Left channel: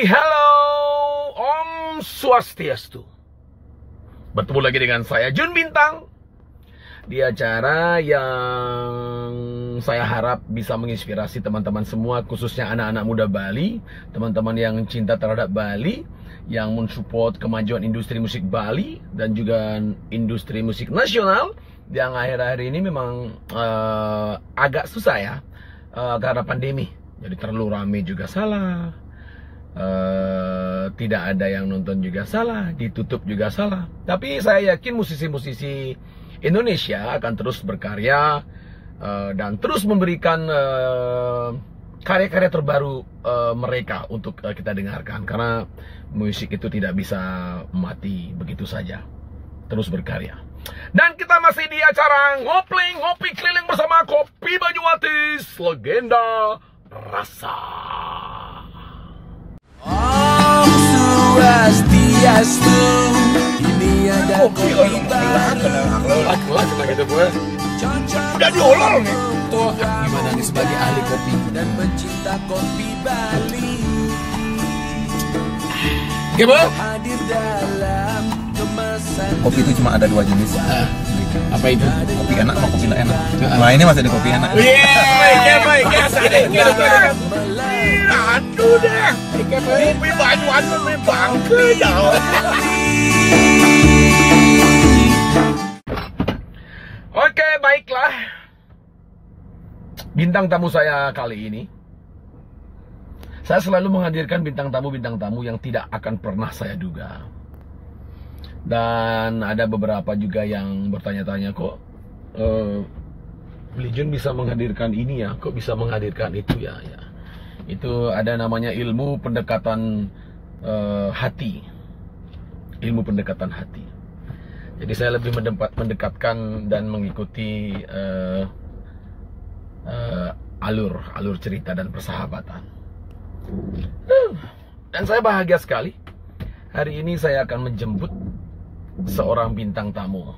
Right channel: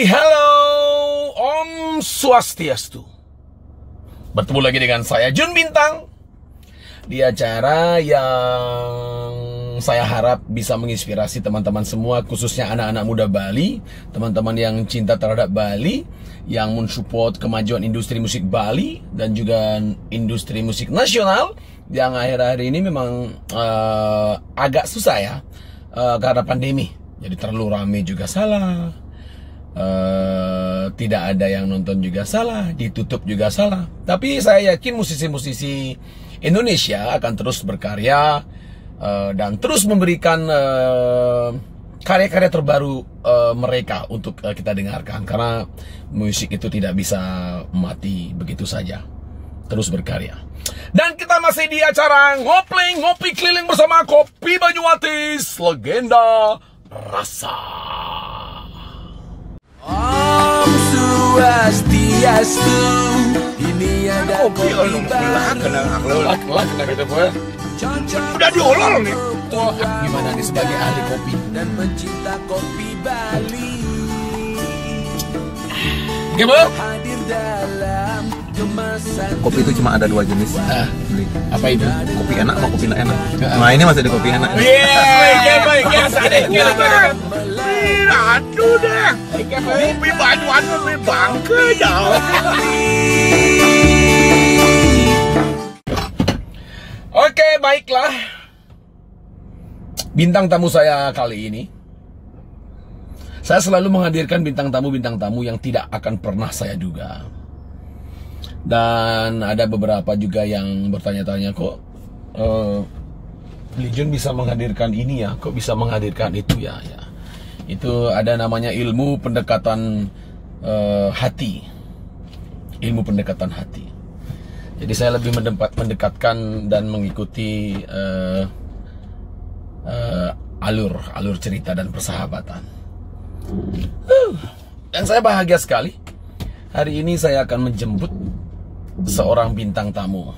Halo, Om Swastiastu. Bertemu lagi dengan saya Jun Bintang di acara yang saya harap bisa menginspirasi teman-teman semua, khususnya anak-anak muda Bali, teman-teman yang cinta terhadap Bali, yang mensupport kemajuan industri musik Bali dan juga industri musik nasional yang akhir-akhir ini memang agak susah ya karena pandemi. Jadi terlalu rame juga salah, tidak ada yang nonton juga salah, ditutup juga salah. Tapi saya yakin musisi-musisi Indonesia akan terus berkarya dan terus memberikan karya-karya terbaru mereka untuk kita dengarkan. Karena musik itu tidak bisa mati begitu saja, terus berkarya. Dan kita masih di acara ngopi keliling bersama Kopi Banyuatis, legenda rasa. Om Swastiastu, ini ada kopi baru. Udah diolah nih. Tuh, gimana nih sebagai ahli kopi dan pencinta kopi Bali. Gimana? Hadir dalam kemasan. Kopi itu cuma ada dua jenis. Apa itu? Kopi enak sama kopi nggak enak. Nah ini masih ada kopi enak. Aduh dah. Kopi Banyuwangi kopi bangke dah. Oke, baiklah. Bintang tamu saya kali ini, saya selalu menghadirkan bintang tamu yang tidak akan pernah saya duga. Dan ada beberapa juga yang bertanya-tanya, kok Legion bisa menghadirkan ini ya, kok bisa menghadirkan itu ya. Itu ada namanya ilmu pendekatan hati. Ilmu pendekatan hati. Jadi saya lebih mendekatkan dan mengikuti alur cerita dan persahabatan. Dan saya bahagia sekali. Hari ini saya akan menjemput seorang bintang tamu,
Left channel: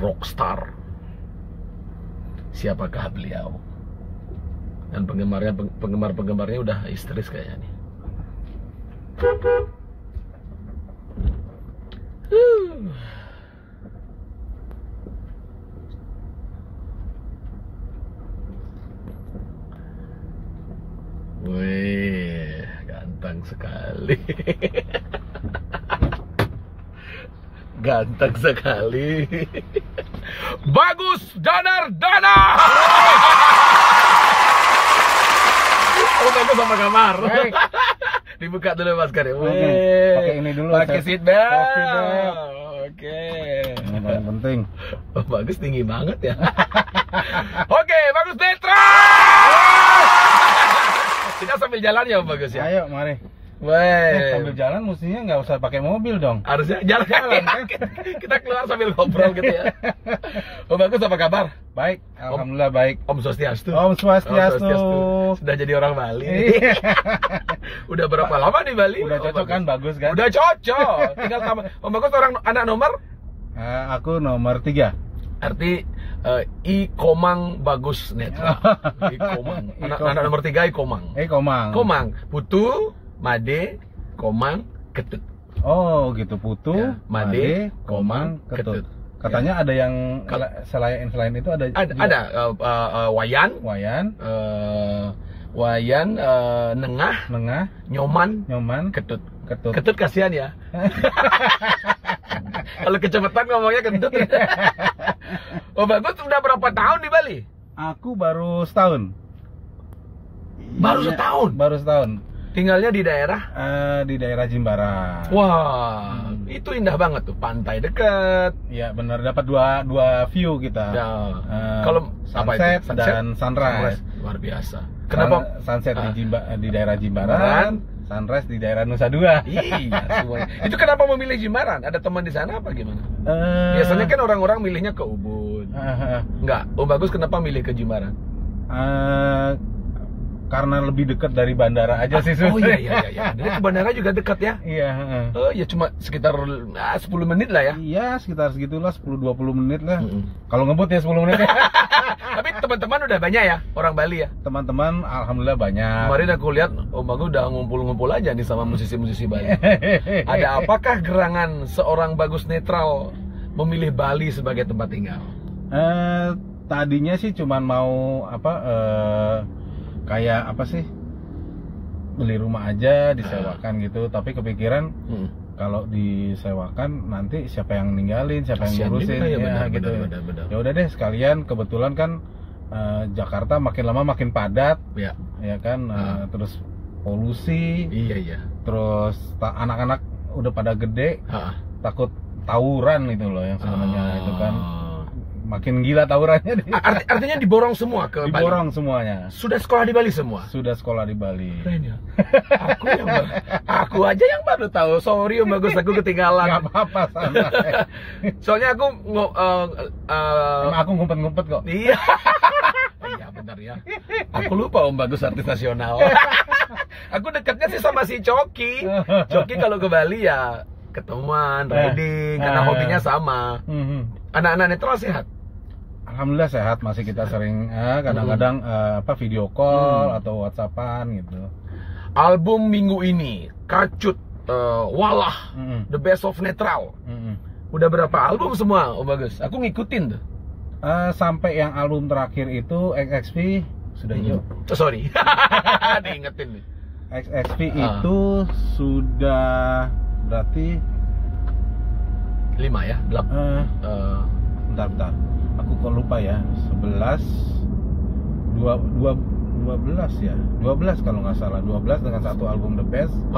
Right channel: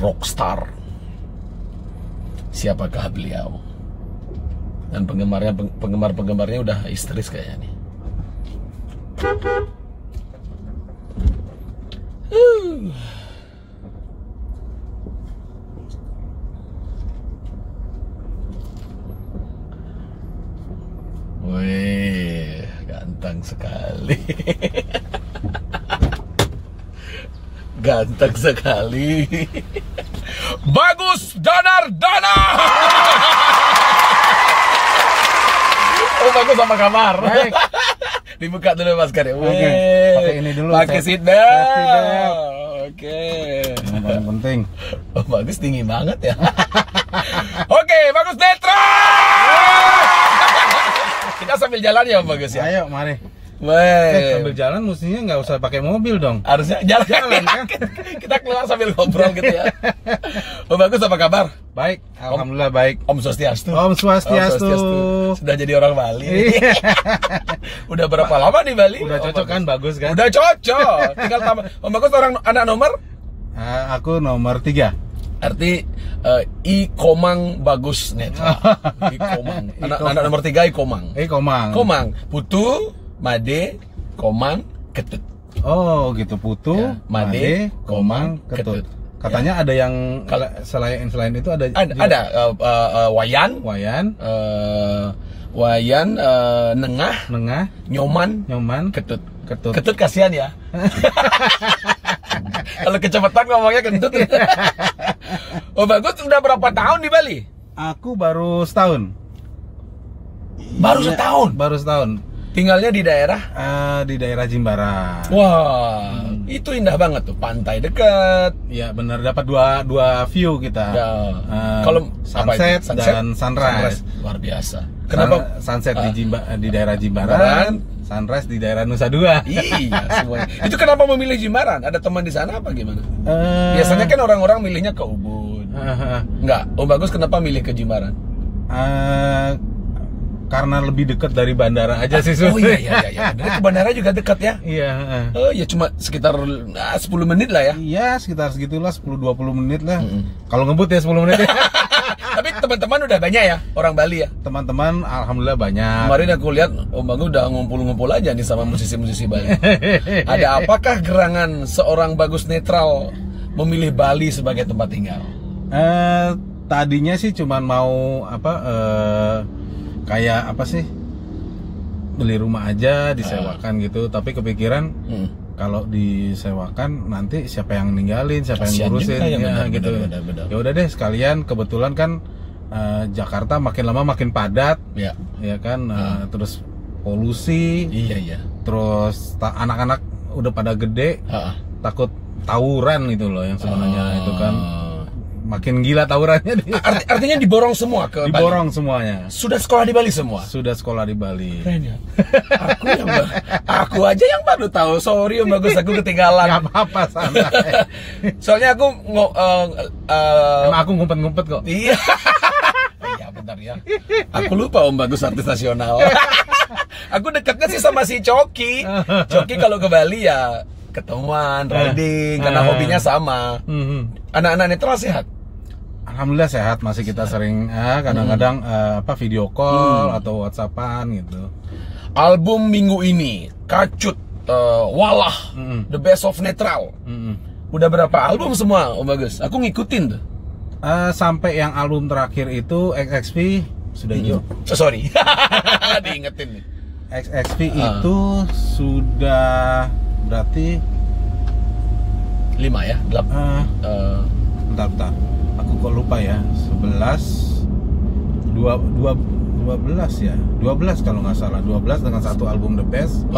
rockstar. Siapakah beliau? Dan penggemar-penggemarnya udah histeris kayaknya nih. Wih, ganteng sekali. Ganteng sekali. Bagus Danardana. Oh, bagus, apa kabar? Baik. Dibuka dulu maskernya. Oke, pakai ini dulu. Pakai seat belt. Oke. Yang paling penting. Oh, bagus tinggi banget ya. Oke, bagus Netra. Kita sambil jalan ya, Bagus ya. Ayo, mari. Sambil jalan mestinya nggak usah pakai mobil dong. Harusnya jalan kan? Kita keluar sambil ngobrol gitu ya. Oh, Bagus, apa kabar? Baik, alhamdulillah baik. Om Swastiastu. Om Swastiastu. Sudah jadi orang Bali. Udah berapa lama di Bali? Udah cocok kan, Bagus kan? Udah cocok. Tinggal tambah. Om Bagus orang anak nomor? Aku nomor 3. Arti I Komang Bagus Netra. I Komang. Anak nomor 3 I Komang. Komang. Komang. Putu, Made, Komang, Ketut. Oh, gitu. Putu, Ya, Made, Komang, Ketut. Katanya ada yang selain itu ada Wayan, Nengah, Nyoman, Ketut. Ketut kasihan ya. Kalau kecepatan ngomongnya Ketut. Oh, Bagus udah berapa tahun di Bali? Aku baru setahun. Baru setahun. Tinggalnya di daerah? Di daerah Jimbaran. Wah, itu indah banget tuh, pantai dekat. Ya benar, dapat dua view kita. Ya. Kalau sunset dan sunrise. Luar biasa. Kenapa sunset di daerah Jimbaran, sunrise di daerah Nusa Dua. Iya, semuanya. Itu kenapa memilih Jimbaran? Ada teman di sana apa gimana? Biasanya kan orang-orang milihnya ke Ubud. Enggak, Om Bagus kenapa milih ke Jimbaran? karena lebih dekat dari bandara aja sih. Oh iya. Benar, ke bandara juga dekat ya. Iya. Oh ya cuma sekitar 10 menit lah ya. Iya, sekitar segitulah 10-20 menit lah. Kalau ngebut ya 10 menit ya. Tapi teman-teman udah banyak ya orang Bali ya. Teman-teman alhamdulillah banyak. Kemarin aku lihat Om Bagus udah ngumpul-ngumpul aja nih sama musisi-musisi Bali. Ada apakah gerangan seorang Bagus Netral memilih Bali sebagai tempat tinggal? Tadinya sih cuman mau kayak apa sih, beli rumah aja disewakan gitu, tapi kepikiran kalau disewakan nanti siapa yang ninggalin, siapa Kasian yang ngurusin juga ya, benar, gitu. benar. Ya udah deh sekalian, kebetulan kan Jakarta makin lama makin padat Ya. ya kan, terus polusi, Iya. terus anak-anak udah pada gede, takut tawuran itu loh yang sebenarnya itu kan makin gila tawurannya. Artinya diborong semua ke Diborong Bali. semuanya. Sudah sekolah di Bali semua. Sudah sekolah di Bali. Keren ya. Aku aja yang baru tahu. Sorry Om Bagus, aku ketinggalan. Gak apa-apa, santai. Soalnya aku Emang aku ngumpet-ngumpet kok. iya. Iya benar ya. Aku lupa Om Bagus artis nasional. Aku dekatnya sih sama si Coki. Coki kalau ke Bali ya ketemuan, riding, karena hobinya sama. Anak-anak netral sehat? Alhamdulillah sehat, masih kita sering kadang-kadang video call atau WhatsAppan gitu. Album minggu ini Kacut, Walah, The Best of Netral. Udah berapa album semua Om Bagus? Aku ngikutin tuh. Sampai yang album terakhir itu XXP sudah hijau. Sorry. Diingetin nih. XXP itu sudah berarti 5 ya? 8 bentar. Aku kok lupa ya. 12 ya. 12 kalau nggak salah. 12 dengan satu album The Best.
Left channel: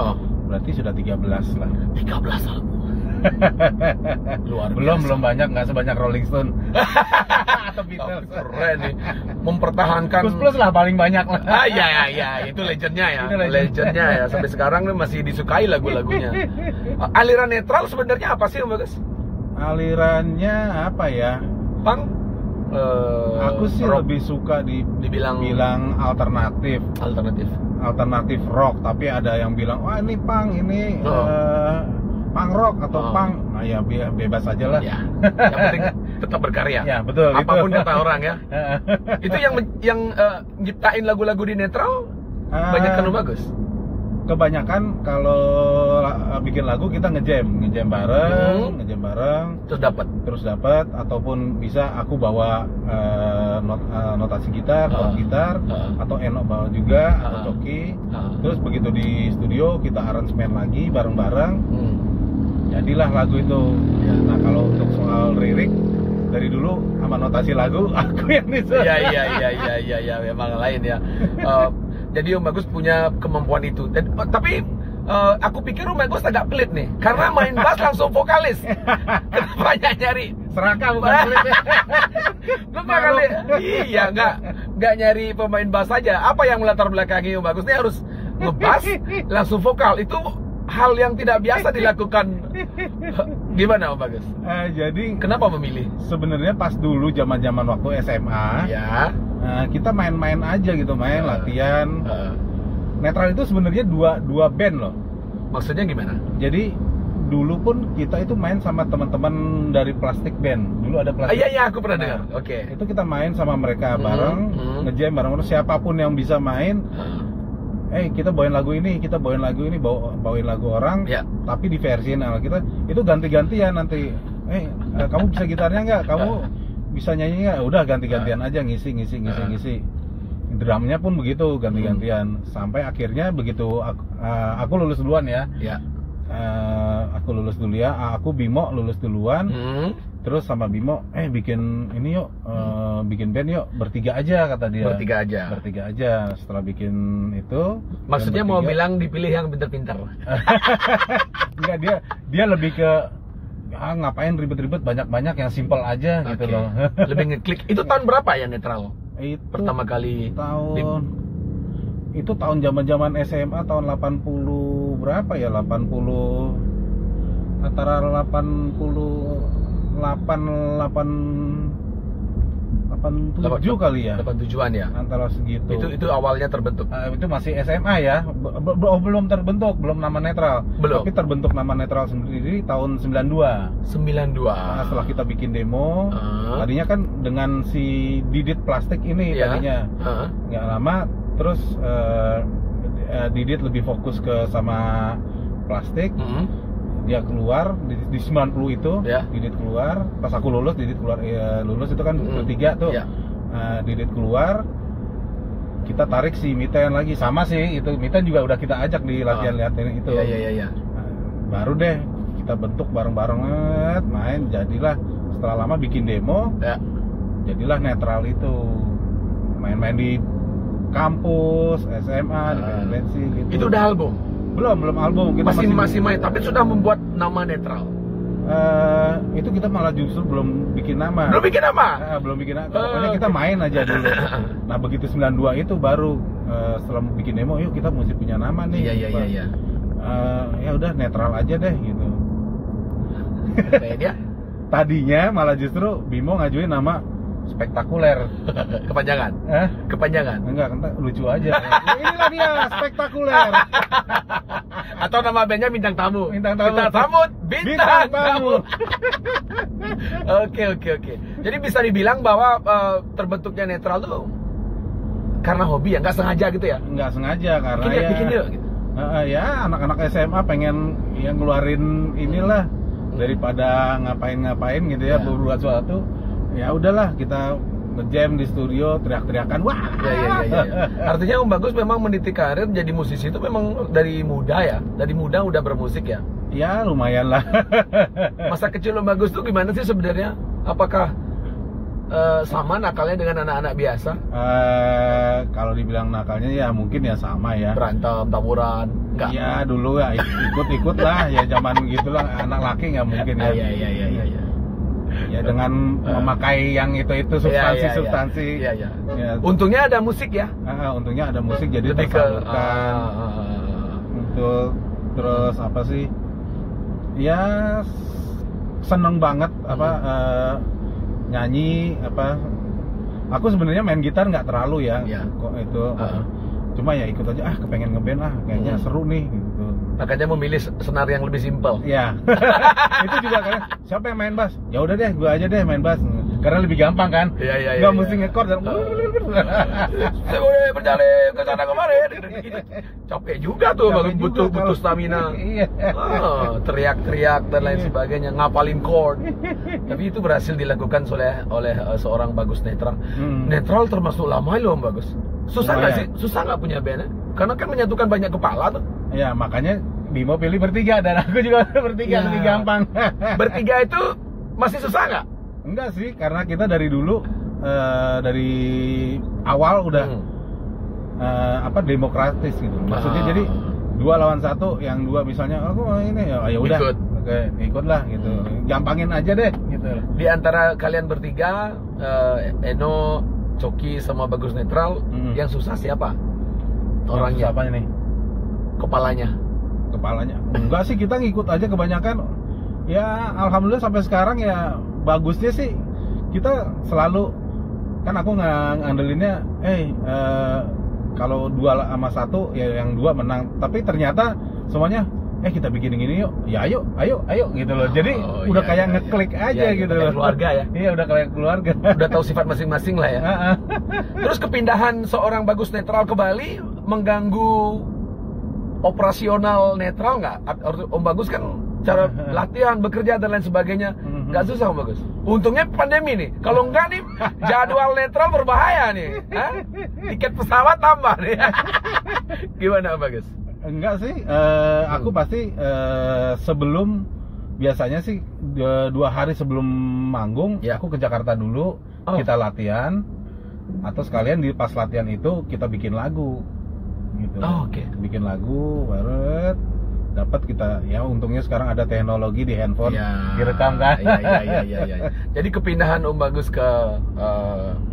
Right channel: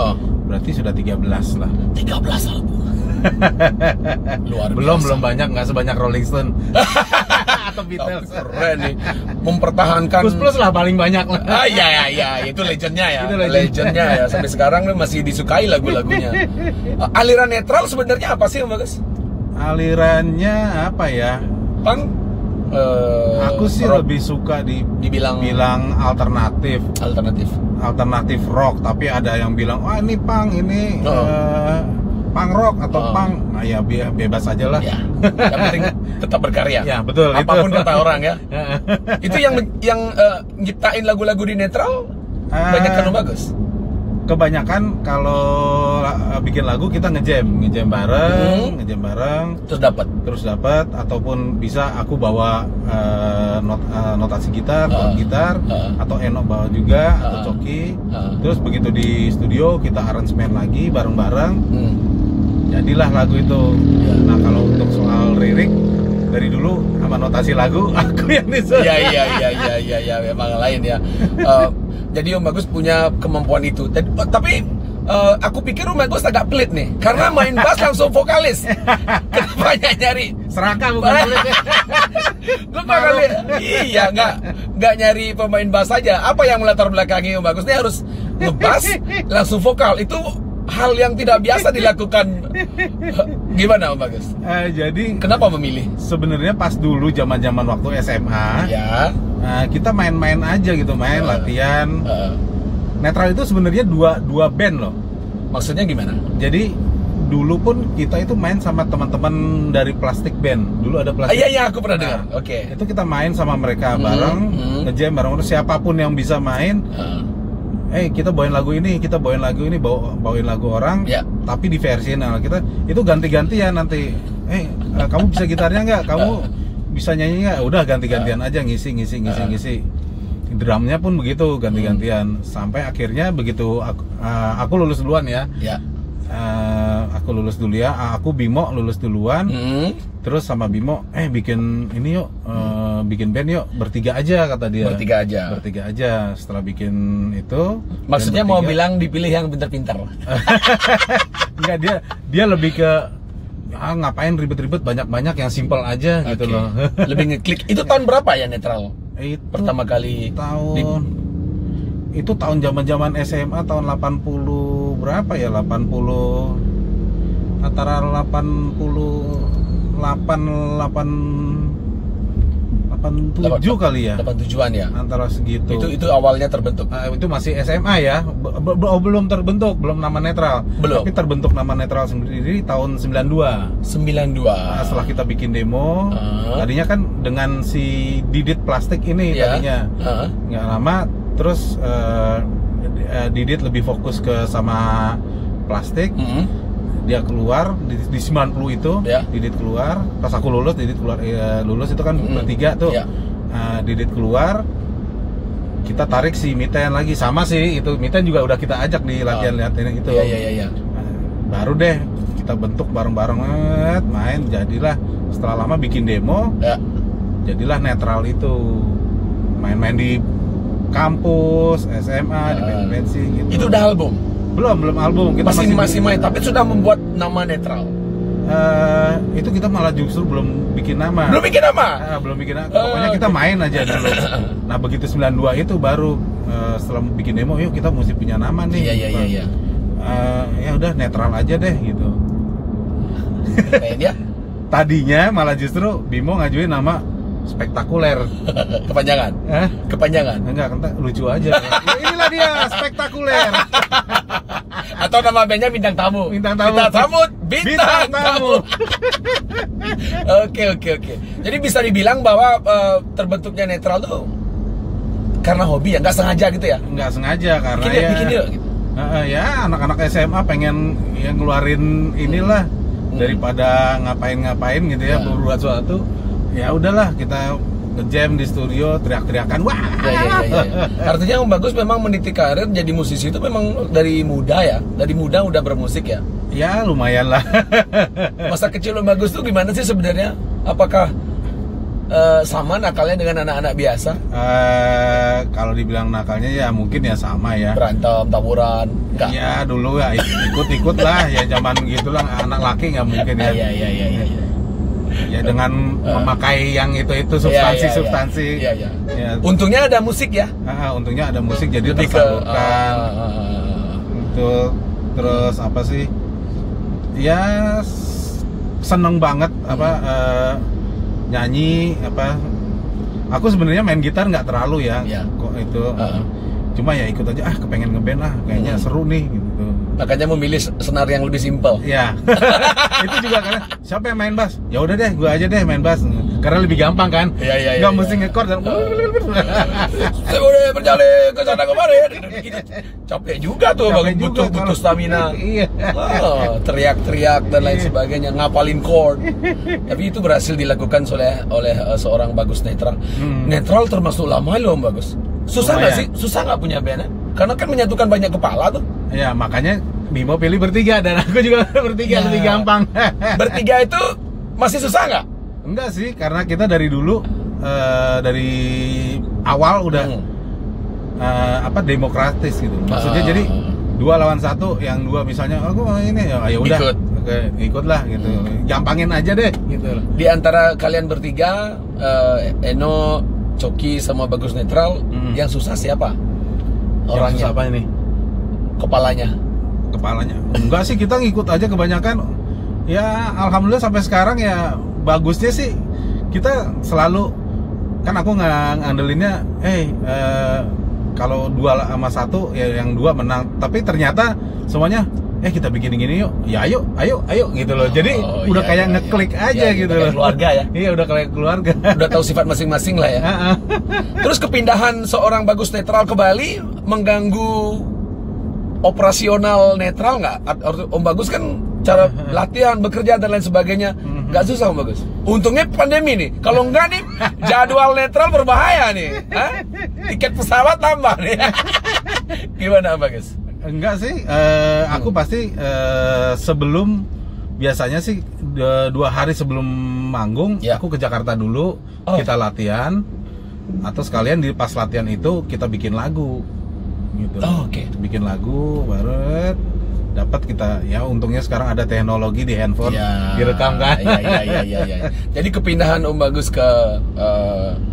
Berarti sudah 13 lah. 13 album. Luar Belum biasa. banyak, nggak sebanyak Rolling Stone atau Beatles. Keren nih. Mempertahankan Plus lah paling banyak lah. Iya, itu legendnya ya. Itu Legendnya ya. Sampai sekarang nih masih disukai lagu-lagunya. Aliran netral sebenarnya apa sih Om Bagus? Alirannya apa ya? Punk? Aku sih rock. lebih suka Dibilang alternatif rock, tapi ada yang bilang wah ini punk, ini punk rock atau punk. Nah ya bebas aja lah. Ya. Yang penting tetap berkarya. Ya betul. Apapun itu. kata orang ya. Itu yang nyiptain lagu-lagu di netral banyak kan Om Bagus. Kebanyakan kalau bikin lagu kita ngejam bareng, terus dapat ataupun bisa aku bawa notasi gitar, gitar atau Eno bawa juga atau Coki. Terus begitu di studio kita aransemen lagi bareng-bareng. Jadilah lagu itu. Nah, kalau untuk soal lirik dari dulu sama notasi lagu aku yang disuruh. Iya, memang lain ya. Jadi Om Bagus punya kemampuan itu. Tapi aku pikir Om Bagus agak pelit nih, karena main bass langsung vokalis. Kenapa nyari Serakah bukan pelit ya? Gue kali, iya nggak nyari pemain bass saja. Apa yang melatar belakangi Om Bagus ini harus ngebass langsung vokal? Itu hal yang tidak biasa dilakukan. Gimana Om Bagus? Jadi kenapa memilih? Sebenarnya pas dulu zaman waktu SMA, Ya. kita main-main aja gitu, latihan. Netral itu sebenarnya dua band loh. Maksudnya gimana? Jadi dulu pun kita itu main sama teman-teman dari Plastik Band. Dulu ada Plastik. Iya, aku pernah dengar. Oke. Itu kita main sama mereka bareng, ngejam bareng, terus siapapun yang bisa main. Kita bawain lagu ini, bawain lagu orang, tapi di versi kita itu ganti-gantian nanti. Kamu bisa gitarnya nggak? Kamu bisa nyanyi nggak? Udah ganti-gantian aja ngisi. Drumnya pun begitu ganti-gantian. Sampai akhirnya begitu aku lulus duluan ya. Aku lulus dulu ya. Aku Bimo lulus duluan. Terus sama Bimo, bikin ini yuk, bikin band yuk, bertiga aja kata dia. Bertiga aja. Setelah bikin itu. Maksudnya mau bilang dipilih yang pintar-pintar. Enggak, dia lebih ke ngapain ribet-ribet, banyak-banyak yang simple aja gitu loh. Lebih ngeklik. Itu tahun berapa ya netral? Itu pertama kali itu tahun zaman SMA tahun 80 berapa ya, 80 antara 88 87 kali ya. 87-an ya. Antara segitu. Itu awalnya terbentuk. Itu masih SMA ya. Belum terbentuk, belum nama netral. Belum. Tapi terbentuk nama netral sendiri tahun 92. 92. Nah, setelah kita bikin demo, tadinya kan dengan si Didit Plastik ini tadinya. Nggak lama terus Didit lebih fokus ke sama plastik. Dia keluar di 90 itu, Didit keluar. Pas aku lulus, Didit keluar. Lulus itu kan bertiga tuh. Didit keluar, kita tarik si Miten lagi, sama sih itu. Miten juga udah kita ajak di latihan-latihan itu. Iya. Baru deh kita bentuk bareng-bareng, main, jadilah setelah lama bikin demo, jadilah netral itu. Main-main di kampus, SMA, di bensin gitu. Itu udah album? Belum album. Kita masih main, tapi sudah membuat nama netral. Itu kita malah justru belum bikin nama. Belum bikin nama? Belum bikin nama. Pokoknya kita main aja dulu. Nah begitu 92 itu baru setelah bikin demo, yuk kita mesti punya nama nih. Iya. Ya udah netral aja deh gitu. Kayaknya tadinya malah justru Bimo ngajuin nama Spektakuler. Kepanjangan? Kepanjangan? Enggak, lucu aja. Inilah dia, Spektakuler. Atau nama bandnya Bintang Tamu. Bintang Tamu. Oke. Jadi bisa dibilang bahwa terbentuknya netral tuh karena hobi ya, nggak sengaja gitu ya? Nggak sengaja, karena bikin yuk gitu. Ya anak-anak SMA pengen yang ngeluarin inilah daripada ngapain gitu ya, berbuat sesuatu. Ya udahlah, kita nge-jam di studio, teriak-teriakan, wah. Ya. Artinya Om Bagus memang meniti karir jadi musisi itu memang dari muda ya? Dari muda udah bermusik ya? Ya lumayan lah. Masa kecil Om Bagus tuh gimana sih sebenarnya? Apakah sama nakalnya dengan anak-anak biasa? Kalau dibilang nakalnya ya mungkin ya sama ya. Berantem, tawuran? Enggak? Ya dulu ya ikut-ikut lah, ya zaman gitulah, anak laki nggak mungkin ya. Iya. Ya dengan memakai yang itu substansi. Iya. Ya. Untungnya ada musik ya. Untungnya ada musik, jadi lebih tersalurkan. Untuk terus apa sih? Ya seneng banget nyanyi apa. Aku sebenarnya main gitar nggak terlalu ya. Kok itu. Cuma ya ikut aja, kepengen ngeband lah, kayaknya seru nih gitu. Makanya memilih senar yang lebih simpel. Ya. Itu juga karena siapa yang main bass? Ya udah deh, gua aja deh main bass. Karena lebih gampang kan? Iya. Gak mesti nge-chord dan saya boleh berjalan ke sana kemari. Capek juga tuh, butuh stamina. Iya. Teriak-teriak dan lain sebagainya, ngapalin chord. Tapi itu berhasil dilakukan oleh seorang Bagus Netral. Netral termasuk lama loh Om Bagus. Susah nggak sih? Susah nggak punya band? Karena kan menyatukan banyak kepala tuh. Ya makanya Bimo pilih bertiga dan aku juga bertiga, lebih gampang. Bertiga itu masih susah nggak? Enggak sih, karena kita dari dulu dari awal udah demokratis gitu. Maksudnya jadi 2 lawan 1, yang 2 misalnya aku ini ya udah ikut lah gitu. Gampangin aja deh gitu. Di antara kalian bertiga, Eno, Coki sama Bagus Netral, yang susah siapa? Orangnya apa ini? Kepalanya. Enggak sih, kita ngikut aja kebanyakan. Ya alhamdulillah sampai sekarang ya bagusnya sih kita selalu kan aku ngandelinnya kalau 2 sama 1 ya yang 2 menang, tapi ternyata semuanya kita bikin gini yuk, ya ayo gitu loh. Jadi udah kayak ngeklik aja gitu loh. Keluarga ya. Iya, udah kayak keluarga. Udah tahu sifat masing-masing lah ya. Terus kepindahan seorang Bagus Netral ke Bali mengganggu operasional netral nggak? Om Bagus kan cara latihan, bekerja dan lain sebagainya nggak susah Om Bagus. Untungnya pandemi nih. Kalau enggak nih jadwal netral berbahaya nih. Tiket pesawat tambah nih. Gimana Om Bagus? Enggak sih, aku pasti sebelum, biasanya sih 2 hari sebelum manggung aku ke Jakarta dulu, kita latihan, atau sekalian pas latihan itu kita bikin lagu gitu. Bikin lagu baru dapat kita, ya untungnya sekarang ada teknologi di handphone direkam kan. Iya. Jadi kepindahan Om Bagus ke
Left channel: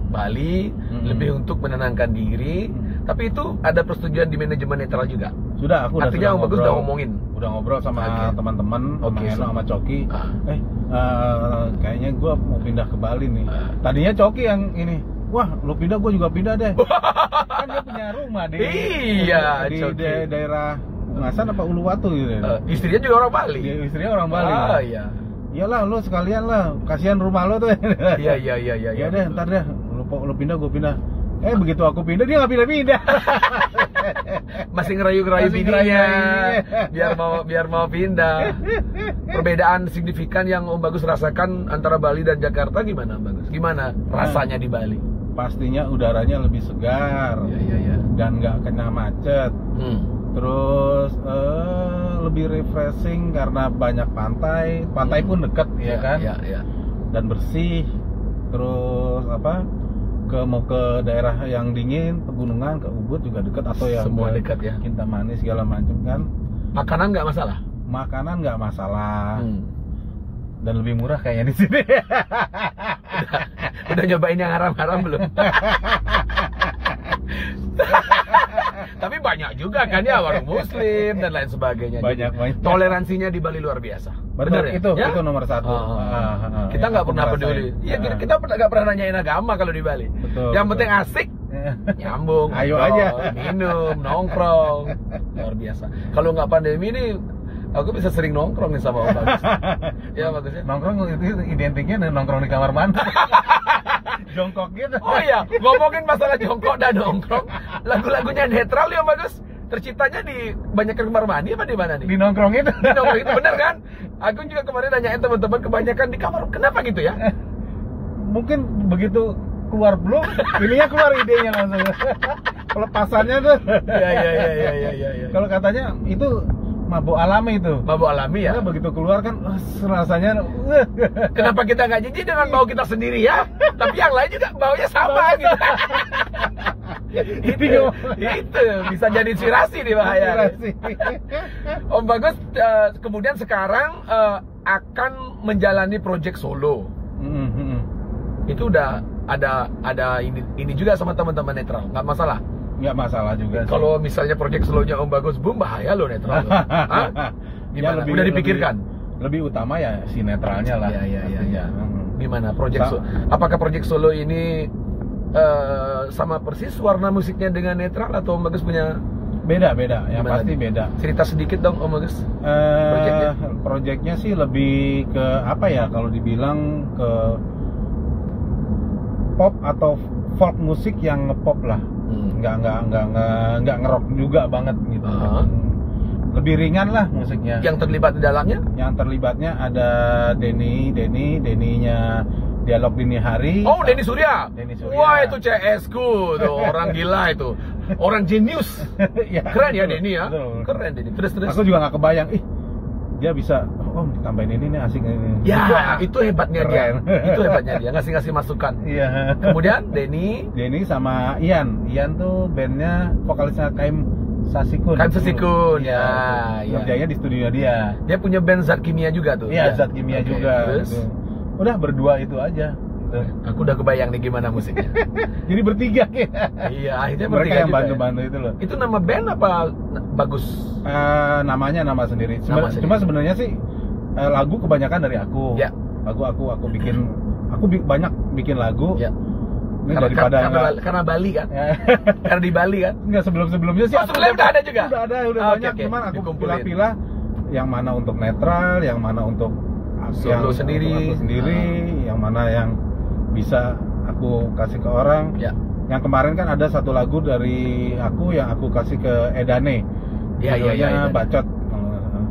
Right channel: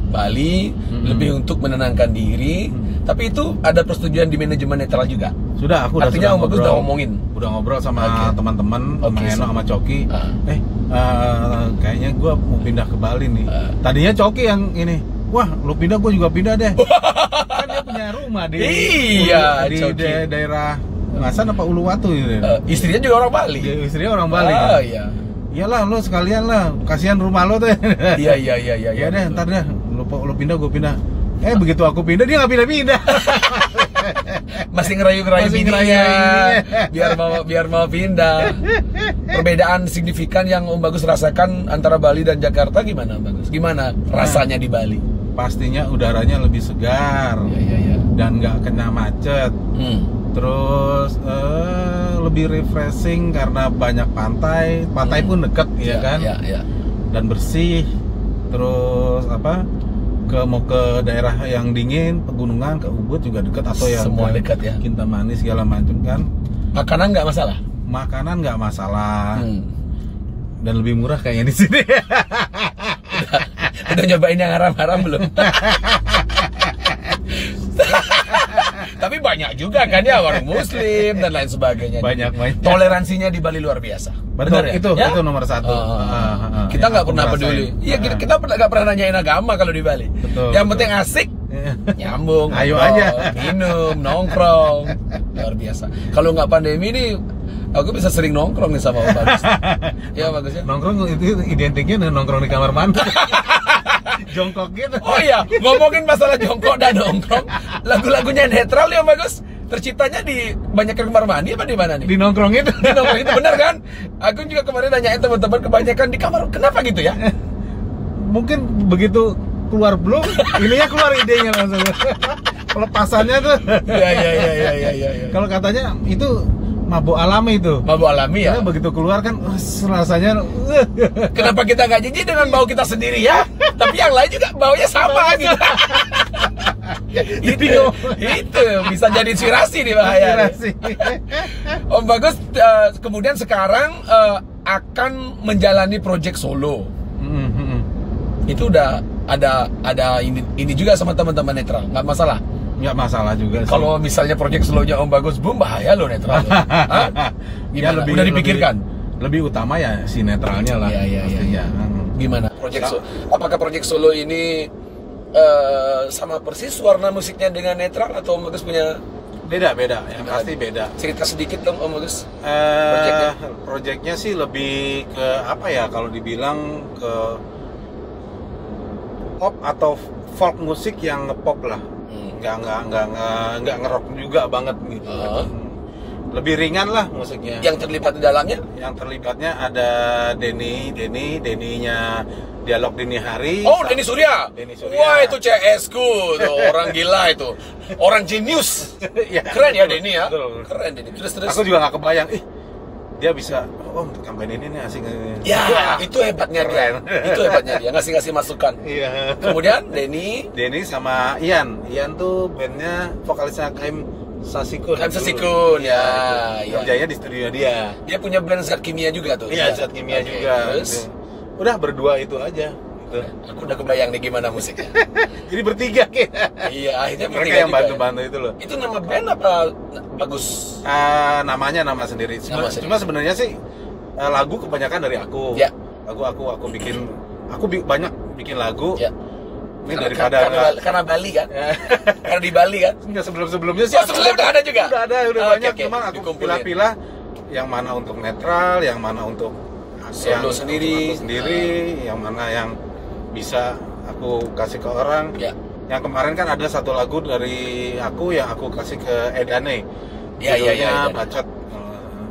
Bali lebih untuk menenangkan diri. Tapi itu ada persetujuan di manajemen netral juga. Sudah, aku Artinya Om Bagus ngobrol. udah ngomongin. Udah ngobrol sama teman-teman, sama Oke, Eno, sama Coki. Kayaknya gue mau pindah ke Bali nih. Tadinya Coki yang ini, wah lu pindah, gue juga pindah deh. Kan dia punya rumah di Iya, di Coki. daerah Ngasan apa Uluwatu gitu. Istrinya juga orang Bali. Istrinya orang Bali. Ah, iya. Iyalah, lu sekalian lah, kasihan rumah lu tuh. Iya. Ya deh, ntar deh, lu pindah, gue pindah. Begitu aku pindah, dia nggak pindah-pindah. Masih ngerayu-ngerayu Masih bininya ngerayu-ngerayu. biar mau pindah. Perbedaan signifikan yang Om Bagus rasakan antara Bali dan Jakarta gimana Om Bagus? Gimana rasanya di Bali? Pastinya udaranya lebih segar. Iya. Dan nggak kena macet. Terus lebih refreshing karena banyak pantai pun deket ya kan, Iya. dan bersih. Terus mau ke daerah yang dingin, pegunungan, ke Ubud juga deket, atau yang Semua ke dekat ya. Kintamani segala macam kan. Makanan nggak masalah. Makanan nggak masalah. Dan lebih murah kayaknya di sini. Udah nyobain yang haram-haram belum? Tapi banyak juga kan ya warung muslim dan lain sebagainya. Banyak. Toleransinya di Bali luar biasa. Betul, Bener ya? itu nomor satu. Kita Yang nggak aku pernah merasain. peduli. Iya, kita nggak pernah nanyain agama kalau di Bali. Betul, Yang betul. penting asik, nyambung, Ayo ngobrol, aja. minum, nongkrong, luar biasa. Kalau nggak pandemi ini, aku bisa sering nongkrong nih sama Om Bagus. Ya Bagus ya. Nongkrong itu identiknya nongkrong di kamar mandi. Jongkok gitu. Oh iya, ngomongin masalah jongkok dan nongkrong, lagu-lagunya netral ya Om Bagus. Terciptanya di banyak kamar mandi apa di mana nih? Di nongkrong itu. Di nongkrong itu bener kan? Aku juga kemarin nanyain teman-teman, kebanyakan di kamar. Kenapa gitu ya? Mungkin begitu keluar belum, ininya keluar idenya langsung. Pelepasannya tuh. Iya. Kalau katanya itu mabuk alami itu. Mabuk alami ya. Karena begitu keluar kan rasanya Kenapa kita nggak jijik dengan bau kita sendiri ya? Tapi yang lain juga baunya sama gitu. itu bisa jadi inspirasi nih bahaya. Om Bagus kemudian sekarang akan menjalani project solo. Itu udah ada ini juga sama teman-teman netral, nggak masalah. Nggak masalah juga sih. Kalau misalnya project solo-nya Om Bagus boom, bahaya loh netral. Hah? Ya, Gimana? Udah dipikirkan? Lebih utama ya si netralnya lah. Iya. pastinya. Gimana project solo? Apakah project solo ini sama persis warna musiknya dengan netral, atau Om Bagus punya Beda, yang gimana? pasti beda. Cerita sedikit dong Om Bagus. Projectnya sih lebih ke apa ya, kalau dibilang ke pop atau folk musik yang ngepop lah. Nggak ngerok juga banget gitu. Lebih ringan lah musiknya. Yang terlibat di dalamnya? Yang terlibatnya ada Denny-nya Dialog Dini Hari. Oh, Denny Surya. Wah, itu CS ku tuh, orang gila itu. Orang jenius. Ya, Keren ya betul, Denny ya. betul. Keren Denny. Terus. Aku juga nggak kebayang, dia bisa, tambahin ini nih asik. Ya, itu hebatnya Keren. dia. Itu hebatnya dia, ngasih masukan. Iya. Kemudian Denny sama Ian tuh bandnya vokalisnya Kaim Sasikun. Kaim Sasikun, Itu. ya. Kerjanya di studio dia. Dia punya band Zat Kimia juga tuh. Iya, Zat Kimia Oke, juga. Terus Gitu. Udah berdua itu aja. Gitu. aku udah kebayang nih gimana musiknya. Jadi bertiga Iya, akhirnya mereka bertiga yang juga. bantu-bantu itu loh. Itu nama band apa Bagus? Namanya nama sendiri. Nama sendiri. Cuma sebenarnya sih lagu kebanyakan dari aku. Ya. Lagu aku bikin. Banyak bikin lagu. Ya. Ini daripada karena Bali kan? Karena di Bali kan? Enggak, sebelum-sebelumnya sih. Oh, sebelumnya udah ada juga? Udah Oke, banyak. oke. Cuman aku Dikumpulin. pilah-pilah yang mana untuk netral, yang mana untuk Solo sendiri. aku sendiri, yang mana yang bisa aku kasih ke orang. Ya. Yang kemarin kan ada satu lagu dari aku yang aku kasih ke Edane. Iya, Judulnya Edane. Bacot.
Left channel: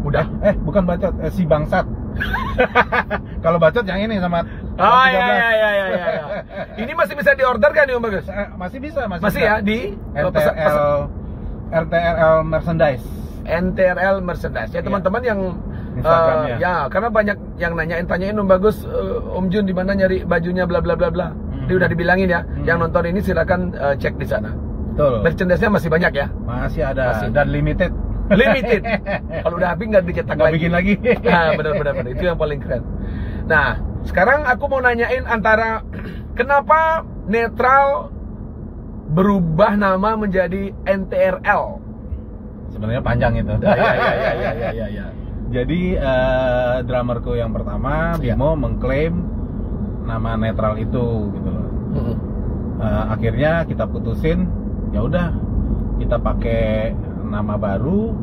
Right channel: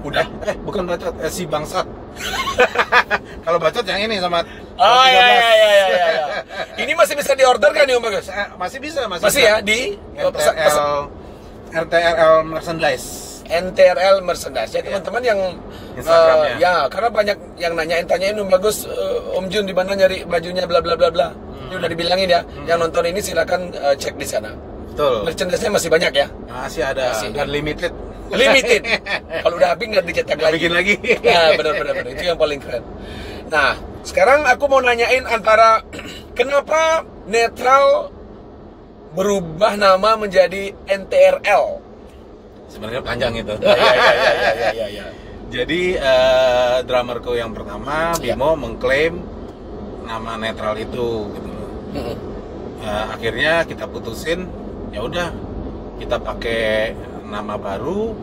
Udah? Bukan Bacot, Si Bangsat. Kalau Bacot yang ini sama Oh 13. iya. Ini masih bisa diorder kan nih Om Bagus? Masih bisa. Masih ya di RTRL merchandise. NTRL merchandise ya teman-teman yang Instagramnya. ya karena banyak yang tanyain Om Bagus, Om Jun di mana nyari bajunya bla bla bla bla. Dia udah dibilangin ya. Yang nonton ini silakan cek di sana. Betul. Merchandise-nya masih banyak ya. Masih ada Masih. dan limited. Limited. Kalau udah habis nggak dicetak Nggak lagi. bikin lagi. Nah, benar. Itu yang paling keren. Nah, sekarang aku mau nanyain antara kenapa Netral berubah nama menjadi NTRL. Sebenarnya panjang itu. Ya. Jadi drummerku yang pertama Bimo mengklaim nama netral itu gitu loh. Akhirnya kita putusin, ya udah kita pakai nama baru.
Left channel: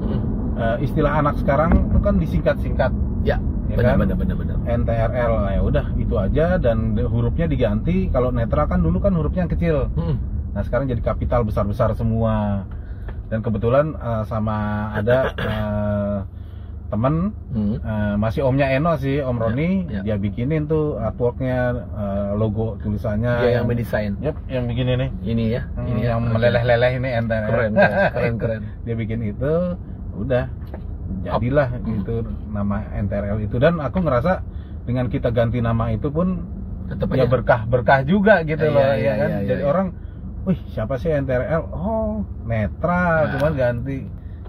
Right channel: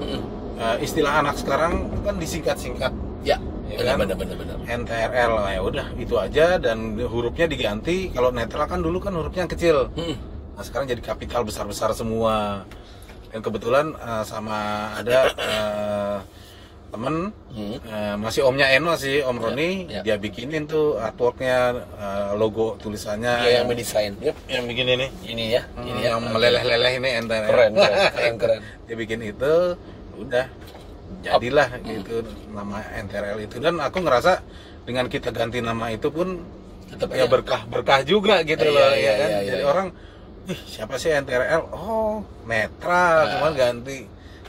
Istilah anak sekarang kan disingkat-singkat. Ya, benar. NTRL, ya udah itu aja, dan hurufnya diganti. Kalau netral kan dulu kan hurufnya yang kecil. Nah sekarang jadi kapital besar-besar semua. Dan kebetulan sama ada temen masih omnya Eno sih, Om Roni, dia bikinin tuh artworknya, logo tulisannya. Dia yang mendesain. Yang bikin ini. Ini ya. Ini yang meleleh-leleh ini NTRL. Keren. Dia bikin itu, udah jadilah gitu nama NTRL itu. Dan aku ngerasa dengan kita ganti nama itu pun tetap ya berkah juga gitu loh, ya kan. Iya. Jadi orang, wih siapa sih NTRL? Oh netral, cuman ganti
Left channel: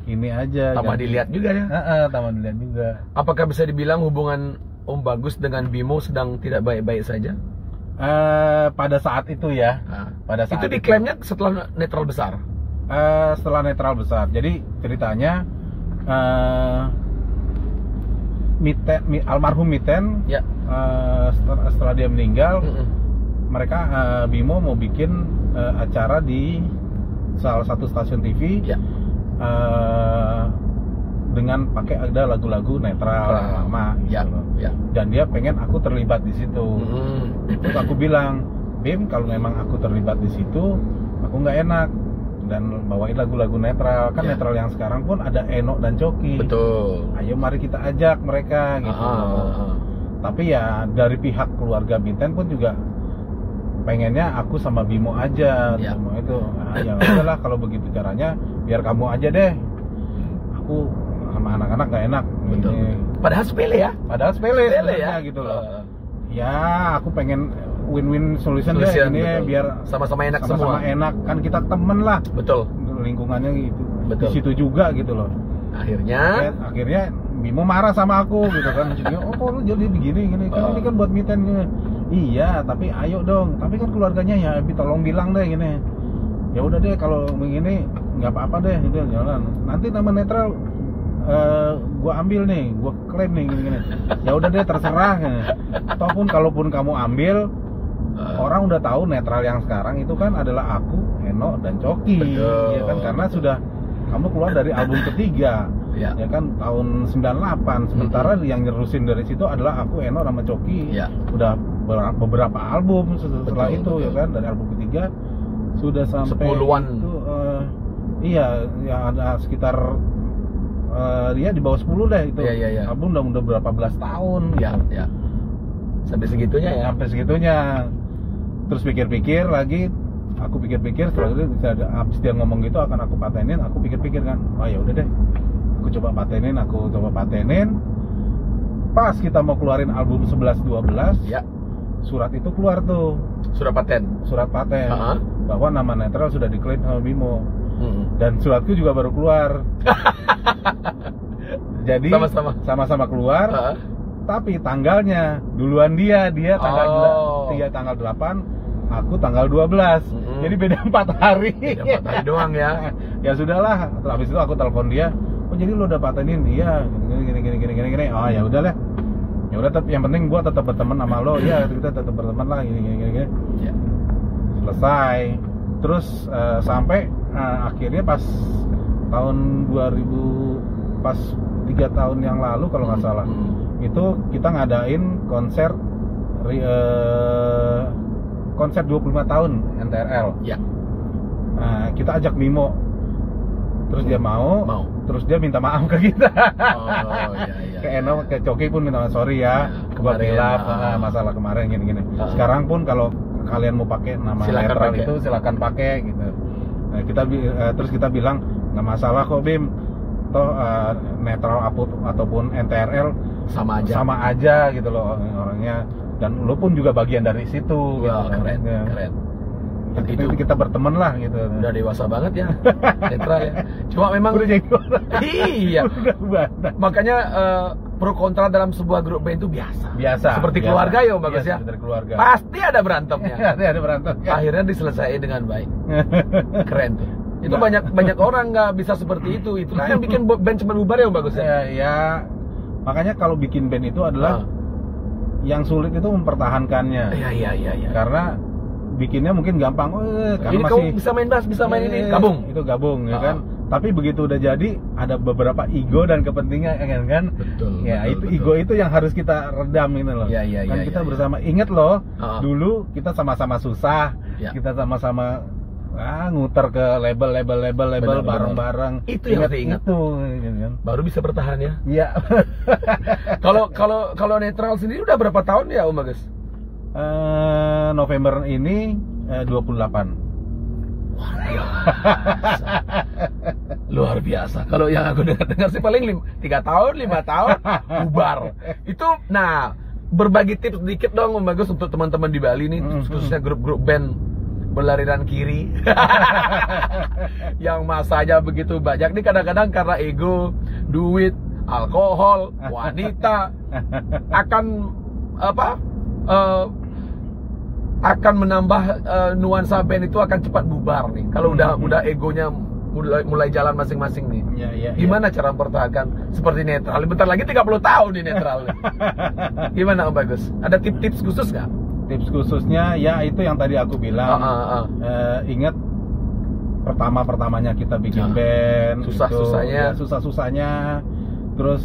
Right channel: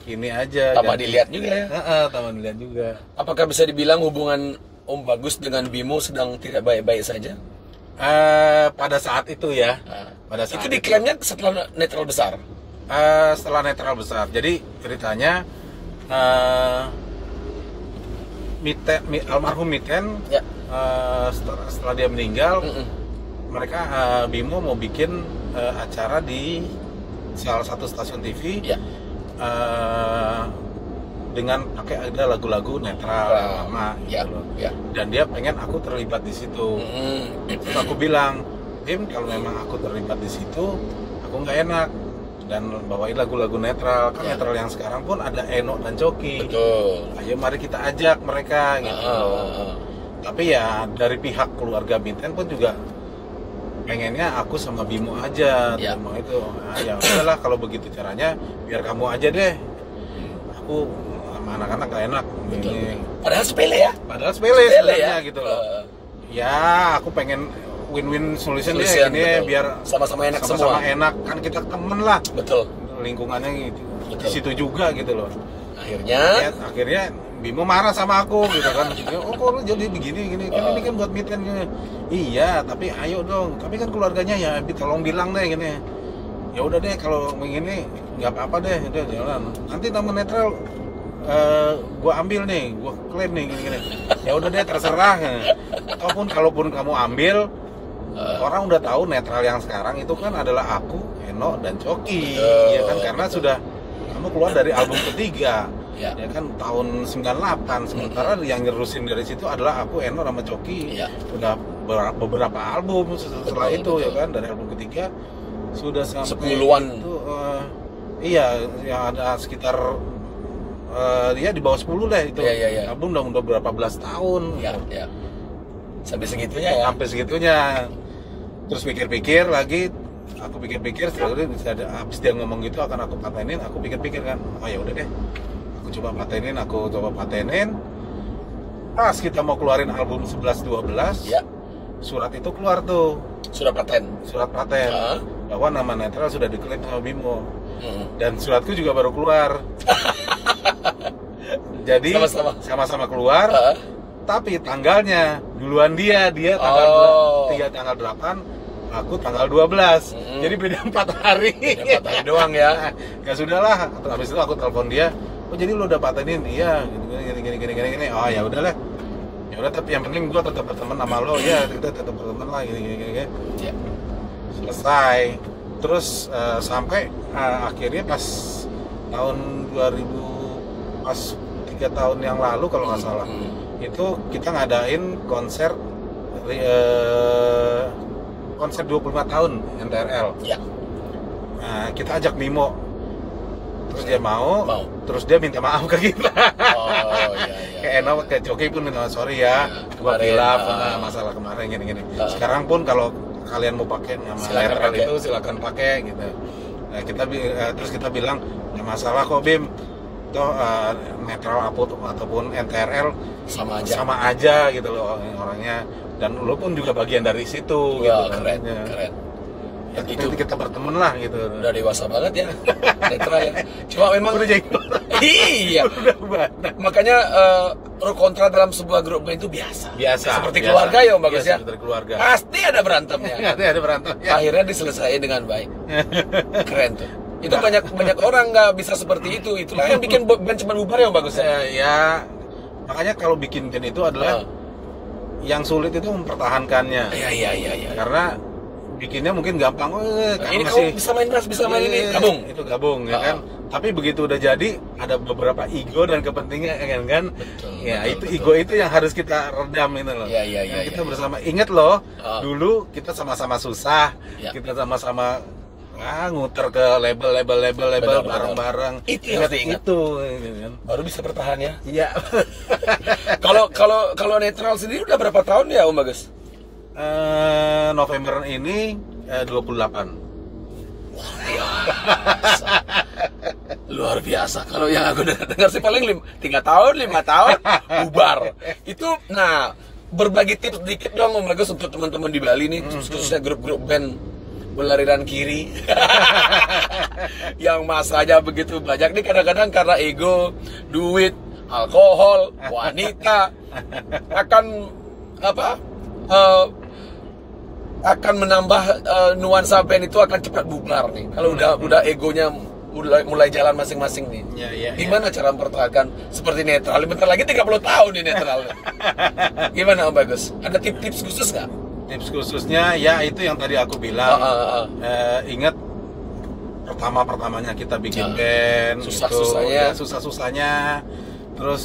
ini aja. Tambah dilihat juga ya. Tambah dilihat juga. Apakah bisa dibilang hubungan Om Bagus dengan Bimo sedang tidak baik-baik saja? Pada saat itu ya. Pada saat itu diklaimnya setelah netral besar. Setelah netral besar. Jadi ceritanya almarhum Miten, setelah dia meninggal, mereka Bimo mau bikin acara di salah satu stasiun TV. Dengan pakai ada lagu-lagu netral lama gitu loh. Dan dia pengen aku terlibat di situ. Terus aku bilang, Bim, kalau memang aku terlibat di situ, aku nggak enak, dan bawain lagu-lagu netral. Kan netral yang sekarang pun ada Eno dan Coki. Betul. Ayo mari kita ajak mereka gitu loh. Tapi ya dari pihak keluarga Binten pun juga pengennya aku sama Bimo aja. Bimo itu, ya udahlah kalau begitu caranya biar kamu aja deh. Aku sama anak-anak gak enak. Betul. Padahal sepele ya. Padahal sepele ya gitu loh. Ya aku pengen win-win solution deh ini, biar sama-sama enak sama-sama semua. enak, kan kita temen lah. Betul. Lingkungannya gitu. Di situ juga gitu loh. Akhirnya Bimo marah sama aku gitu kan. Oh kok lu jadi begini gini, kan ini kan buat Miten gini. Iya, tapi ayo dong. Tapi kan keluarganya ya tolong bilang deh gini. Ya udah deh kalau begini nggak apa-apa deh, udah jalan. Nanti nama netral gua ambil nih, gua klaim nih gini-gini. Ya udah deh terserah. Ataupun kalaupun kamu ambil, orang udah tahu netral yang sekarang itu kan adalah aku, Eno dan Coki. Ya kan, karena sudah kamu keluar dari album ketiga. Ya kan tahun 98. Sementara yang nyerusin dari situ adalah aku, Eno sama Coki. Udah beberapa album setelah itu. Ya kan, dari album ketiga sudah sampai 10-an itu, iya ya ada sekitar dia di bawah 10 deh itu. Album udah berapa belas tahun. Sampai segitunya ya. Sampai segitunya. Terus pikir-pikir lagi, aku pikir-pikir setelah itu habis dia ngomong gitu akan aku patenin, aku pikir-pikir kan, oh ya udah deh, aku coba patenin. Pas kita mau keluarin album 11-12, surat itu keluar tuh, surat paten bahwa nama netral sudah diklaim sama Bimo. Dan suratku juga baru keluar. Jadi sama-sama keluar, tapi tanggalnya duluan dia tanggal 3 tanggal 8, aku tanggal 12. Jadi beda 4 hari. Beda 4 hari doang ya. Ya sudahlah. Habis itu aku telepon dia. Oh jadi lu udah patenin? Iya. Gini. Oh ya udahlah. Ya udah, tapi yang penting gua tetap berteman sama lo. Ya kita tetap berteman lah. Gini. Ya. Selesai. Terus sampai akhirnya pas tahun 2000, pas 3 tahun yang lalu kalau nggak salah, itu kita ngadain konser 25 tahun NTRL. Nah, kita ajak Bimo, terus dia mau, terus dia minta maaf ke kita. Kayak Eno, kayak Coki pun minta sorry ya, gua hilaf masalah kemarin gini. Sekarang pun kalau kalian mau pakai nama netral itu silakan pakai gitu. Nah, terus kita bilang nggak masalah kok Bim, toh netral ataupun NTRL sama aja gitu loh orangnya, dan lo pun juga bagian dari situ gitu. Keren. Ya, Itu. kita berteman lah gitu. Udah dewasa banget ya, netral ya. Cuma memang Udah jenggot. iya. Udah banyak. Makanya pro kontra dalam sebuah grup band itu biasa. Seperti biasa. keluarga ya Om Bagus Biasa, ya. seperti keluarga. Pasti ada berantemnya. Ada berantem. Ya. Akhirnya diselesaikan dengan baik. Keren tuh. Itu banyak orang nggak bisa seperti itu. Itulah yang bikin band cepat bubar ya Om Bagus ya. Ya, makanya kalau bikin band itu adalah yang sulit itu mempertahankannya. Iya. Karena bikinnya mungkin gampang, karena Ini masih kamu bisa main bass, bisa main ini, gabung. Itu gabung ya kan. Tapi begitu udah jadi ada beberapa ego dan kepentingan kan. Betul, Ya, betul, ego itu yang harus kita redam itu loh. Iya, Kan kita iya. bersama inget loh, Ah. dulu kita sama-sama susah. Ya. Kita sama-sama nguter ke label Benar. bareng-bareng. Itu yang harus diingat. Itu gitu kan. Baru bisa bertahan ya. Iya. Kalau netral sendiri udah berapa tahun ya Om Bagus? November ini 28. Luar biasa. Kalau yang aku dengar sih paling 3 tahun, 5 tahun bubar. Itu berbagi tips sedikit dong Om Bagus untuk teman-teman di Bali nih, khususnya grup-grup band berlariran kiri yang masanya begitu banyak nih, kadang-kadang karena ego, duit, alkohol, wanita akan menambah nuansa band itu akan cepat bubar nih. Kalau udah egonya mulai jalan masing-masing nih. Ya. Gimana cara mempertahankan seperti netral? Bentar lagi 30 tahun nih netral. Gimana Om Bagus? Ada tips-tips khusus nggak? Tips khususnya ya itu yang tadi aku bilang. Ingat pertamanya kita bikin band, susah-susahnya. Susah-susahnya. Terus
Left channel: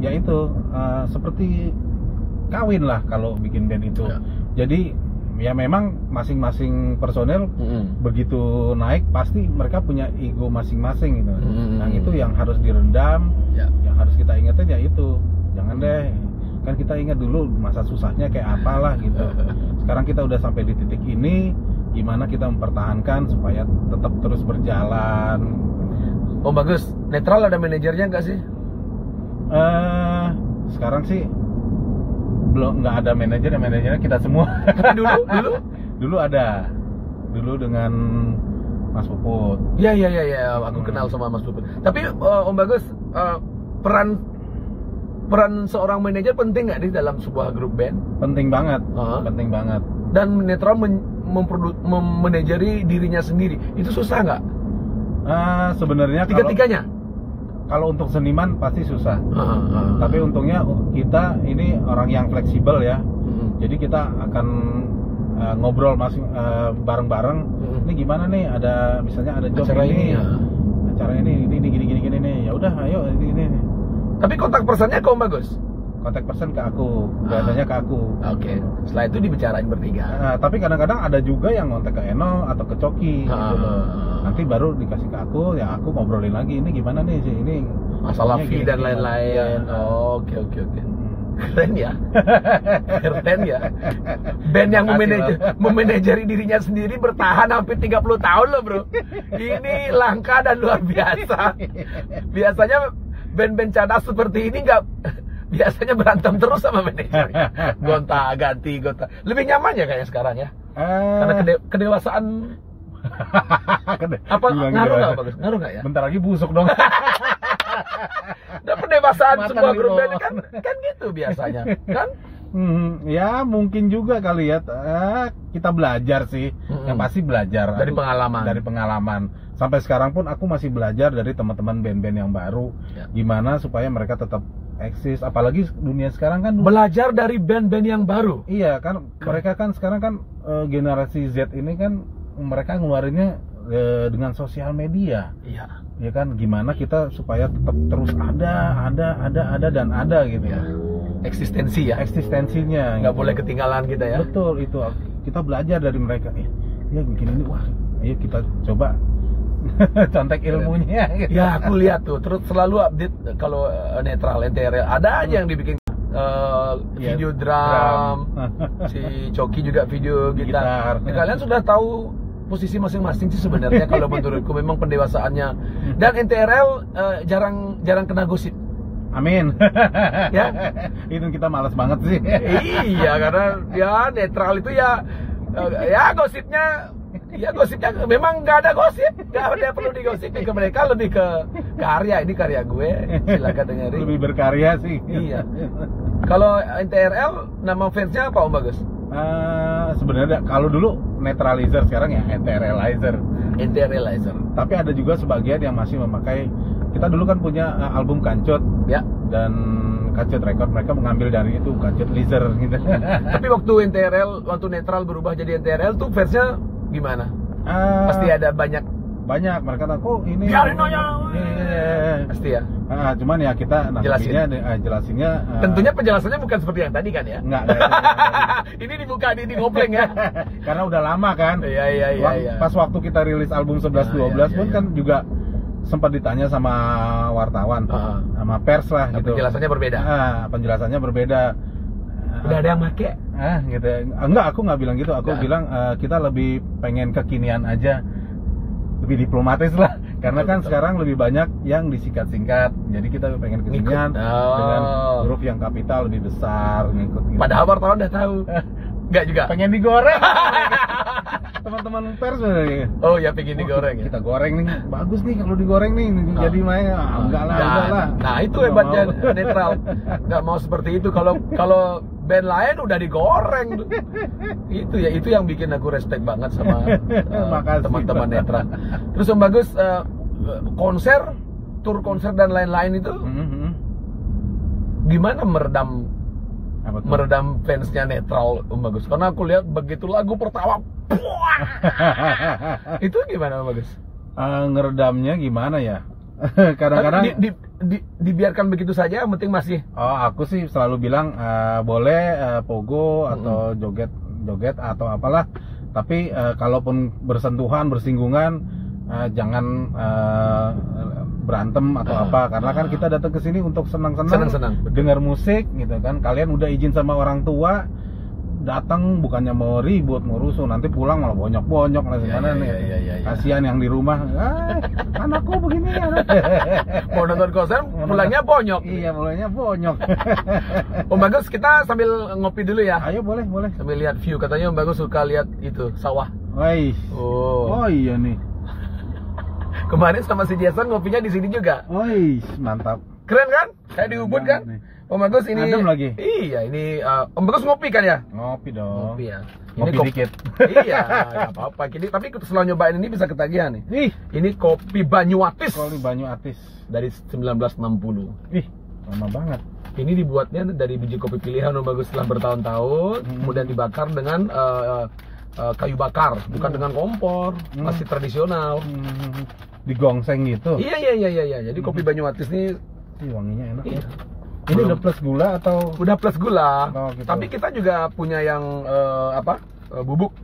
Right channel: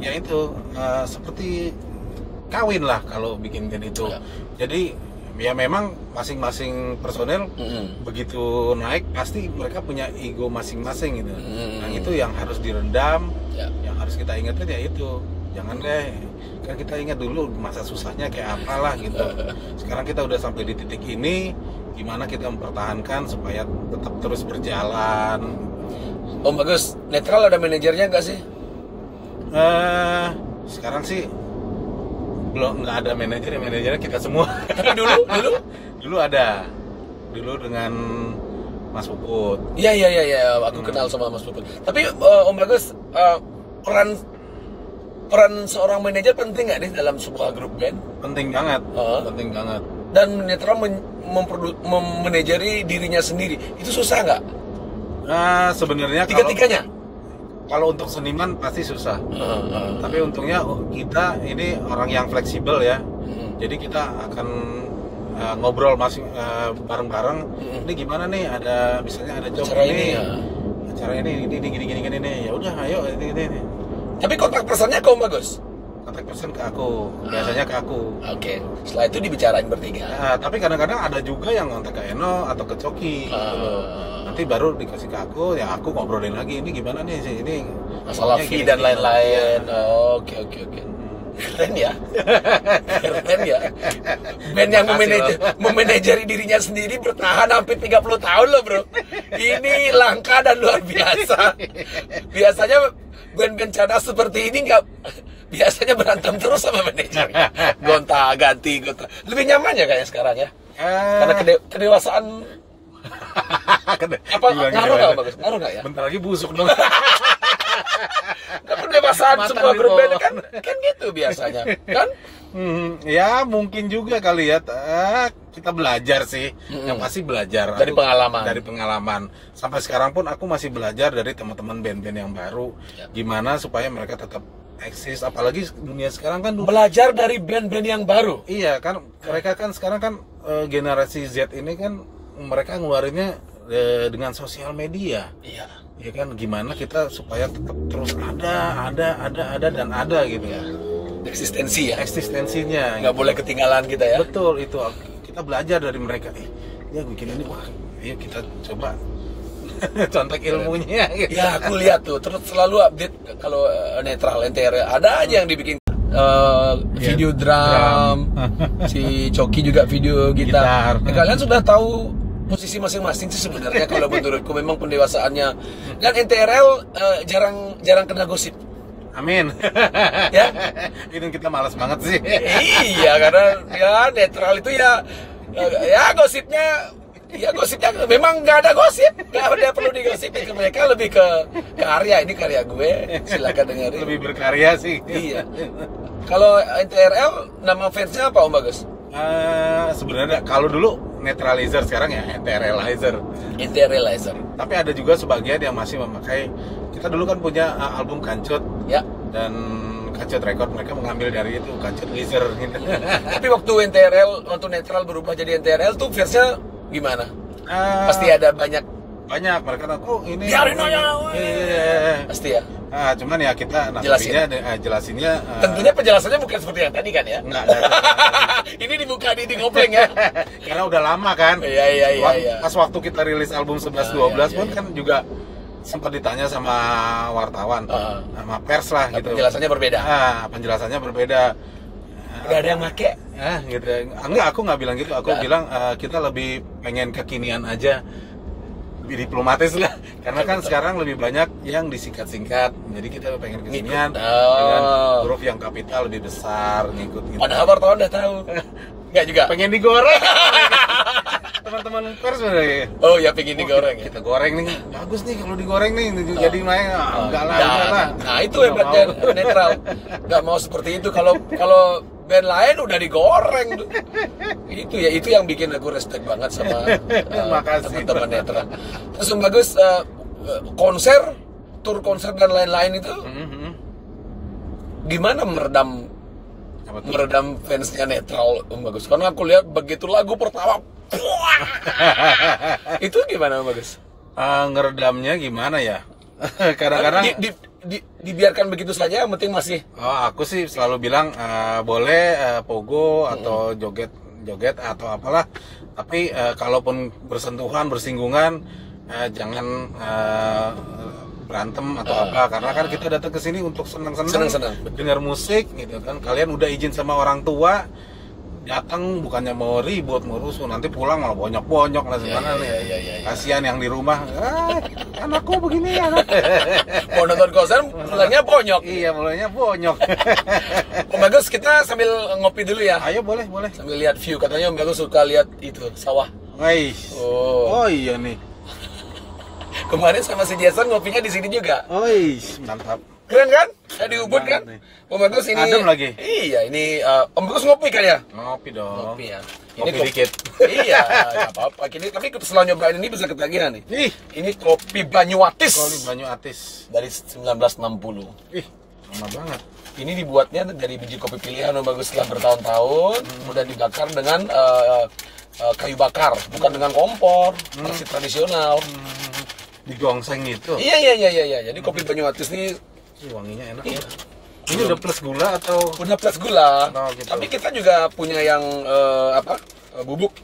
ya itu seperti kawin lah kalau bikin band itu. Jadi ya memang masing-masing personel begitu naik pasti mereka punya ego masing-masing gitu. Nah itu yang harus direndam, yang harus kita ingetin ya itu. Jangan deh, kan kita ingat dulu masa susahnya kayak apalah gitu. Sekarang kita udah sampai di titik ini, gimana kita mempertahankan supaya tetap terus berjalan. Om Bagus, netral ada manajernya nggak sih? Sekarang sih belum, nggak ada manajernya kita semua. Tapi dulu ada, dulu dengan Mas Puput. Iya, aku kenal sama Mas Puput. Tapi Om Bagus, peran seorang manajer penting nggak nih dalam sebuah grup band? Penting banget, penting banget. Dan netral memanajeri dirinya sendiri, itu susah nggak? Sebenarnya Tiga-tiganya? Kalau untuk seniman pasti susah. Tapi untungnya kita ini orang yang fleksibel ya. Jadi kita akan ngobrol bareng-bareng. Ini gimana nih? Ada misalnya ada job acara ini. ya. Acara ini gini nih. Ya udah, ayo ini. Tapi kontak personnya kok Bagus? Kontak person ke aku. Biasanya ke aku. Oke. Setelah itu dibicarain bertiga. Tapi kadang-kadang ada juga yang kontak ke Eno atau ke Coki gitu loh. Nanti baru dikasih ke aku, ya aku ngobrolin lagi ini gimana nih sih ini Masalah fee dan lain-lain. Ya. Oke. Keren ya. Keren ya. Band yang memanajeri dirinya sendiri bertahan hampir 30 tahun loh bro. Ini langka dan luar biasa. Biasanya band-band cadas seperti ini biasanya berantem terus sama manajernya. Gonta-ganti. Lebih nyaman ya kayaknya sekarang ya. Karena kedewasaan. Apa ngaruh nggak Bagus? Ngaruh nggak ya? Bentar lagi busuk dong. Dan pendewasaan sebuah grup band kan gitu biasanya, kan? Ya mungkin juga kali ya. Kita belajar sih. Yang pasti belajar dari pengalaman. Dari pengalaman. Sampai sekarang pun aku masih belajar dari teman-teman band-band yang baru. Gimana supaya mereka tetap eksis. Apalagi dunia sekarang kan. Belajar dari band-band yang baru. Iya kan. Mereka kan sekarang kan generasi Z ini kan mereka ngeluarinnya dengan sosial media. Iya. Ya kan, gimana kita supaya tetap terus ada gitu ya. Eksistensi ya. Eksistensinya. Nggak gitu. boleh ketinggalan kita ya. Betul itu. Kita belajar dari mereka. Ya bikin ini, wah, ayo kita coba contek ilmunya. Gitu. Ya aku lihat tuh, terus selalu update kalau netral NTR ada aja yang dibikin. Video drum, si Coki juga video gitar. Ya, kalian sudah tahu posisi masing-masing sih sebenarnya kalau menurutku memang pendewasaannya. Dan NTRL jarang kena gosip. Amin. Ya, itu kita malas banget sih. Iya, karena ya netral itu ya gosipnya Iya, gosipnya memang nggak ada gosip, nggak ada perlu digosipin ke mereka, lebih ke karya. Ini karya gue, silakan dengerin. Lebih berkarya sih. Iya. Kalau NTRL nama fansnya apa Om Bagus? Sebenarnya kalau dulu Neutralizer, sekarang ya NTRLizer. NTRLizer. Tapi ada juga sebagian yang masih memakai. Kita dulu kan punya album Kancut. Ya. Dan Kancut Record mereka mengambil dari itu Kancut Lizer gitu. Tapi waktu waktu netral berubah jadi NTRL tuh fansnya gimana? Pasti ada banyak mereka kok ini. Biarin aja. Iya. Pasti ya. Cuman ya kita jelasinnya. Tentunya penjelasannya bukan seperti yang tadi kan ya? Enggak. Ini dibuka di ngopleng ya. Karena udah lama kan. Iya. Pas waktu kita rilis album 11-12 pun kan juga sempat ditanya sama wartawan, sama pers lah gitu. Penjelasannya berbeda. Penjelasannya berbeda. Udah ada yang make? Gitu. Enggak, aku nggak bilang gitu. Aku bilang kita lebih pengen kekinian aja. Lebih diplomatis lah, karena kan sekarang lebih banyak yang disingkat-singkat, jadi kita pengen kesinian dengan huruf yang kapital lebih besar, ngikut gitu. Padahal wartawan udah tahu. Enggak juga. Pengen digoreng. Teman-teman pers sebenarnya. Oh ya, pengen digoreng. Kita goreng nih, bagus nih kalau digoreng nih, jadi main. Enggak lah. Nah itu hebatnya netral. Enggak mau seperti itu. Kalau band lain udah digoreng. Itu yang bikin aku respect banget sama teman-teman netral. Terus Om Bagus, tur konser dan lain-lain itu gimana meredam fansnya netral Om Bagus? Karena aku lihat begitu lagu pertama itu gimana Om Bagus? Ngeredamnya gimana ya? Kadang-kadang dibiarkan begitu saja, yang penting masih. Aku sih selalu bilang boleh pogo atau joget atau apalah, tapi kalaupun bersentuhan, bersinggungan, jangan berantem atau apa, karena kan kita datang ke sini untuk senang-senang, dengar musik gitu kan. Kalian udah izin sama orang tua, datang bukannya mau ribut, mau rusuh, nanti pulang malah bonyok-bonyok lah gimana nih. Kasihan yang di rumah, anakku begini anak. Mau nonton konser pulangnya bonyok. Iya, pulangnya bonyok. Om Bagus, kita sambil ngopi dulu ya. Ayo, boleh. Sambil lihat view, katanya Om Bagus suka lihat itu sawah. Oh iya nih. Kemarin sama si Jason ngopinya di sini juga. Mantap. Keren kan? Kayak di Ubud kan? Om Bagus ini. Adem lagi. Iya, ini Om Bagus ngopi kan ya? Ngopi dong. Ngopi ya. Ngopi dikit. Iya, nggak apa-apa. Tapi setelah nyobain ini bisa ketagihan nih. Ini kopi Banyuatis. Kopi Banyuatis dari 1960. Lama banget. Ini dibuatnya dari biji kopi pilihan Om Bagus setelah bertahun-tahun, kemudian dibakar dengan kayu bakar, bukan dengan kompor, masih tradisional. Digongseng gitu. Iya. Jadi kopi Banyuatis ini wanginya enak ya. Ini udah plus gula atau? Udah plus gula. Gitu. Tapi kita juga punya yang bubuk.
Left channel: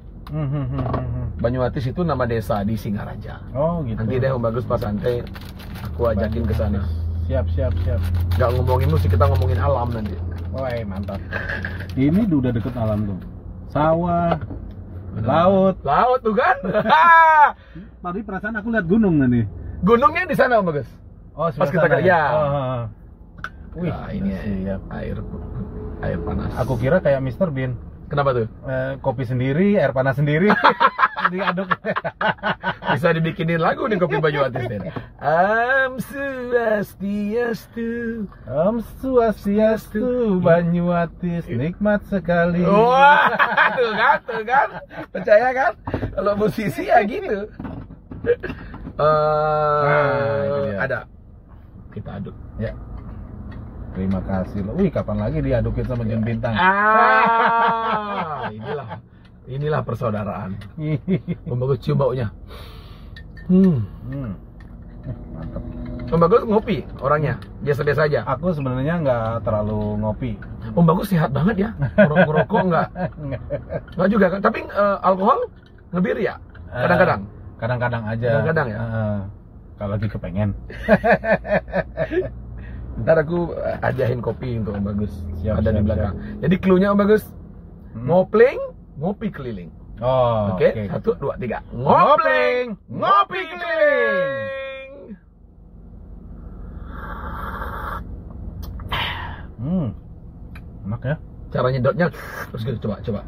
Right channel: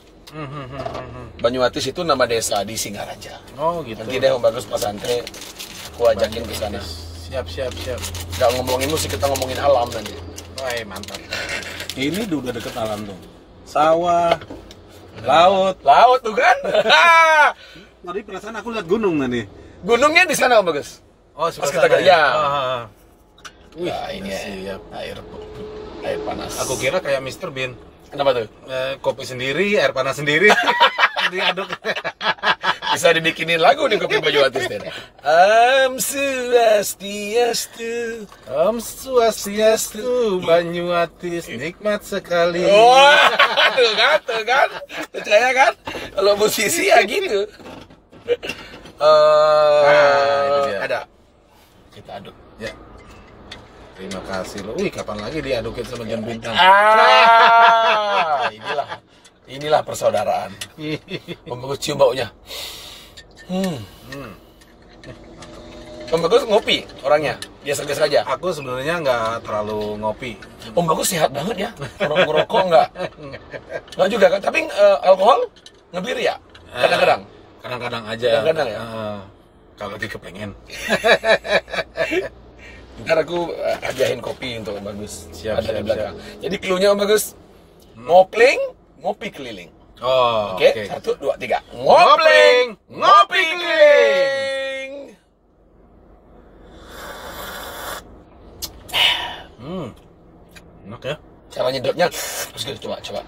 Banyuatis itu nama desa di Singaraja. Gitu. Nanti deh Om Bagus pas santai aku ajakin ke sana. Siap. Nggak ngomongin musik, kita ngomongin alam nanti. Mantap. Ini udah deket alam tuh. Sawah, laut tuh kan. Tadi perasaan aku lihat gunung tadi. Gunungnya di sana Om Bagus. Pas kita ya. Ini siap. Air panas. Aku kira kayak Mr. Bean. Kenapa tuh? Kopi sendiri, air panas sendiri. Diaduk. Bisa dibikinin lagu nih kopi Banyuatis deh. Om Swastiastu Banyuatis nikmat sekali. Tuh kan. Percaya kan? Kalau musisi ya gitu. Ada. Kita aduk. Ya. Terima kasih loh. Kapan lagi diadukin sama John Bintang? Inilah persaudaraan. Om Bagus cium baunya. Mantap. Om Bagus ngopi orangnya, biasa-biasa aja. Aku sebenarnya nggak terlalu ngopi. Om Bagus sehat banget ya. Ngerokok nggak? Nggak juga kan? Tapi alkohol ngebir ya? Kadang-kadang. Kadang-kadang aja. Kadang-kadang ya. Kalau lagi kepengen. Ntar aku hadiahin kopi untuk Om Bagus. Siap, ada di belakang. Jadi cluenya Om Bagus, ngopling, ngopi keliling. Oke. 1, 2, 3. Ngopling, ngopi keliling. Enak ya. Cara nyedotnya terus gitu, coba.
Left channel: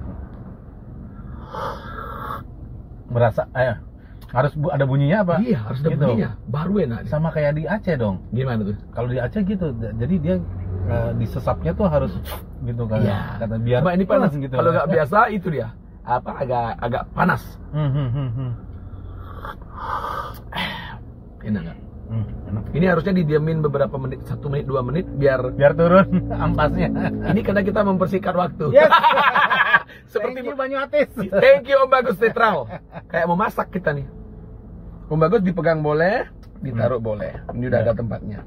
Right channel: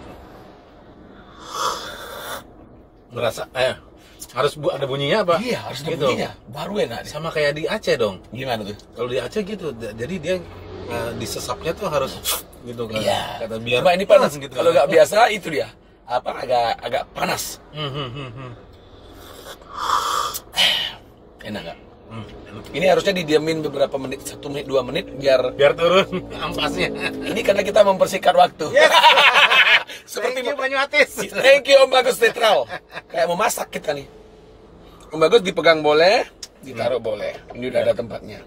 berasa harus ada bunyinya apa? Iya, harus ada gitu. bunyinya. Baru enak nih. Sama kayak di Aceh dong. Gimana tuh? Kalau di Aceh gitu, jadi dia disesapnya tuh harus gitu kan. Iya. Kata biar Cuma ini panas gitu. Kalau nggak biasa itu dia. Apa agak panas. Enak nggak? Enak. Ini harusnya didiamin beberapa menit, 1 menit, 2 menit biar Biar turun ampasnya. ini karena kita mempersingkat waktu. Yes. Seperti Thank you Banyu Atis. Thank you Om Bagus Netral. Kayak mau masak kita nih. Om Bagus dipegang boleh, ditaruh boleh. Ini udah ada tempatnya.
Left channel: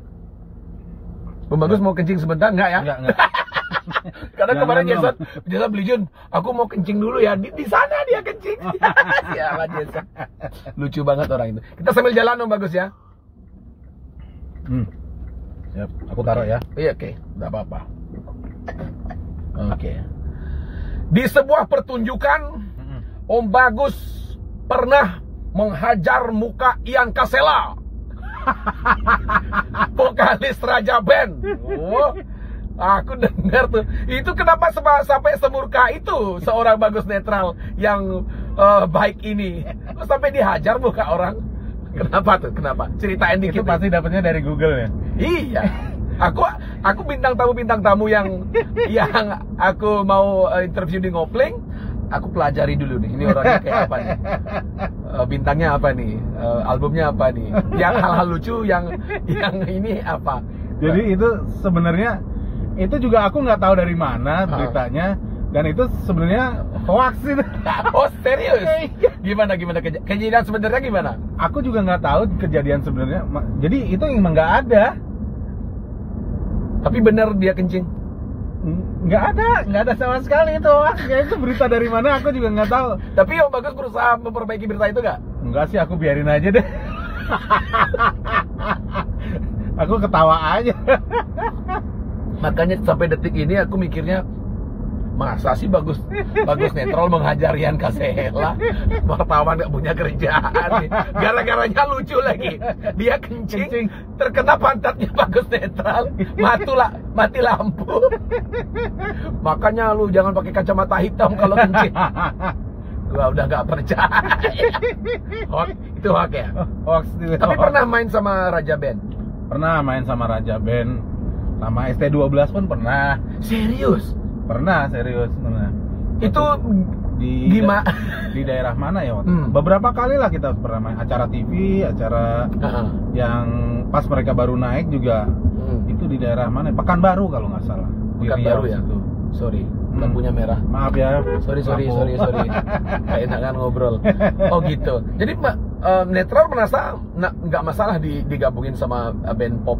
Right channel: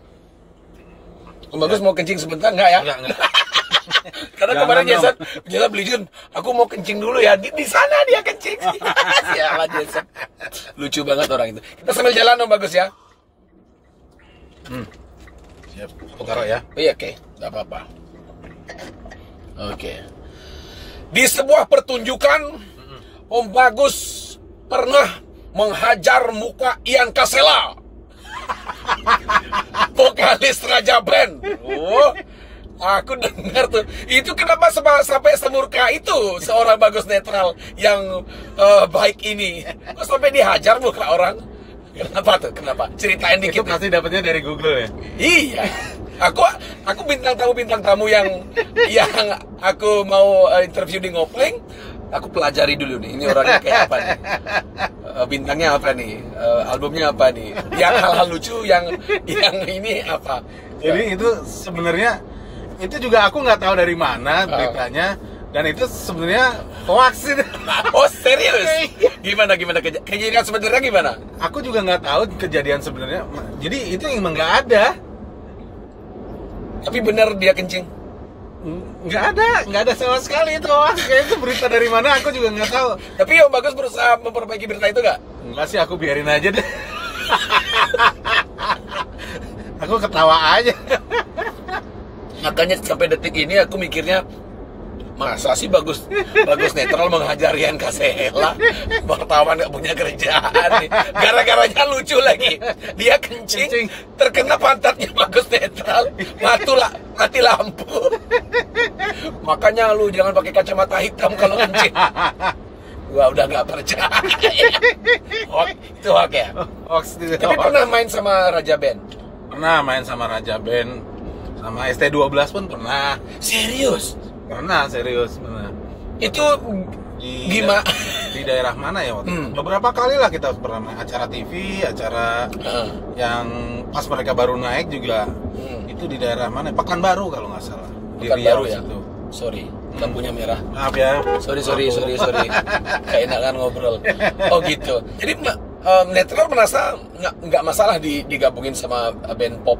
Om Bagus mau kencing sebentar nggak ya? Enggak. Karena Jangan kemarin dong. Jason beli Jun, aku mau kencing dulu ya. Di sana dia kencing. Siapa Jason? Lucu banget orang itu. Kita sambil jalan Om Bagus ya. Siap, aku taruh ya. Iya, oke, nggak apa-apa. Oke. Di sebuah pertunjukan, Om Bagus pernah menghajar muka Ian Kasela, vokalis Raja Band. Oh, aku dengar tuh. Itu kenapa sampai semurka itu seorang Bagus Netral yang baik ini? Kok sampai dihajar muka orang? Kenapa tuh? Kenapa? Ceritain dikit. Itu pasti dapatnya dari Google ya. Iya. Aku bintang tamu yang aku mau interview di Ngopling, aku pelajari dulu nih. Ini orangnya kayak apa nih? Bintangnya apa nih? Albumnya apa nih? Yang hal-hal lucu yang ini apa? Jadi itu sebenarnya itu juga aku nggak tahu dari mana beritanya, dan itu sebenarnya hoax itu. Oh serius? Gimana kejadian sebenarnya gimana? Aku juga nggak tahu kejadian sebenarnya. Jadi itu emang nggak ada. Tapi bener dia kencing? Nggak ada sama sekali itu hoax. Kayak itu berita dari mana aku juga nggak tahu. Tapi Om Bagus berusaha memperbaiki berita itu nggak? Enggak sih, aku biarin aja deh. Aku ketawa aja. Makanya sampai detik ini aku mikirnya, masa sih Bagus Netral menghajar Ian Kasela? Wartawan gak punya kerjaan nih. Gara-garanya lucu lagi. Dia kencing. Terkena pantatnya Bagus Netral. Mati lampu. Makanya lu jangan pakai kacamata hitam kalau kencing. Gua udah gak percaya. Itu hoax ya? Hoax itu. Tapi pernah main sama Raja Band? Pernah main sama Raja Band. Sama ST12 pun pernah. Serius? Pernah. Itu Di gimana? Di daerah mana ya waktu itu? Beberapa kali lah kita pernah main acara TV, acara yang pas mereka baru naik juga. Itu di daerah mana? Pekanbaru kalau nggak salah. Di Pekanbaru Riau ya? situ. Sorry, lampunya merah. Maaf ya. Sorry. Kayak enakan ngobrol. Oh gitu. Jadi Netral merasa nggak masalah digabungin sama band pop.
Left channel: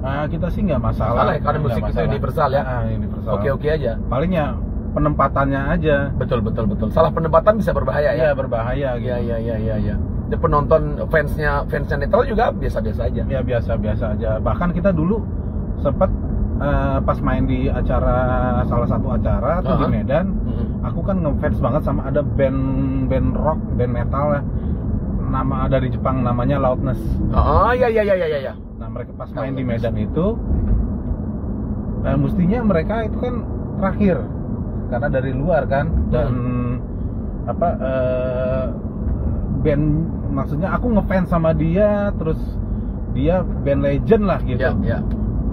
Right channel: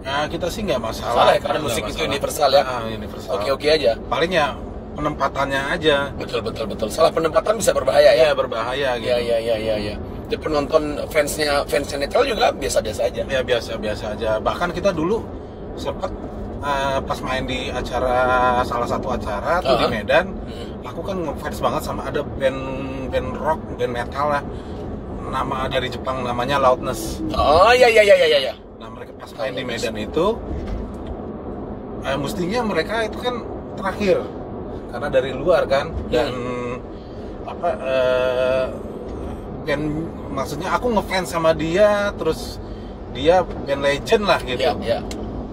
Nah, kita sih nggak masalah. Salah ya, karena Nggak musik itu masalah. universal ya. Universal. Oke aja. Paling ya penempatannya aja. Betul. Salah penempatan bisa berbahaya ya. Iya, berbahaya gitu. Iya. Jadi penonton fansnya Netral juga biasa-biasa aja. Ya biasa-biasa aja. Bahkan kita dulu sempat pas main di salah satu acara tuh di Medan, aku kan ngefans banget sama ada band rock, band metal lah. Nama dari Jepang namanya Loudness. Oh iya. Nah, mereka pas main di Medan itu mestinya mereka itu kan terakhir karena dari luar kan, dan band, maksudnya aku ngefans sama dia, terus dia band legend lah gitu. Iya.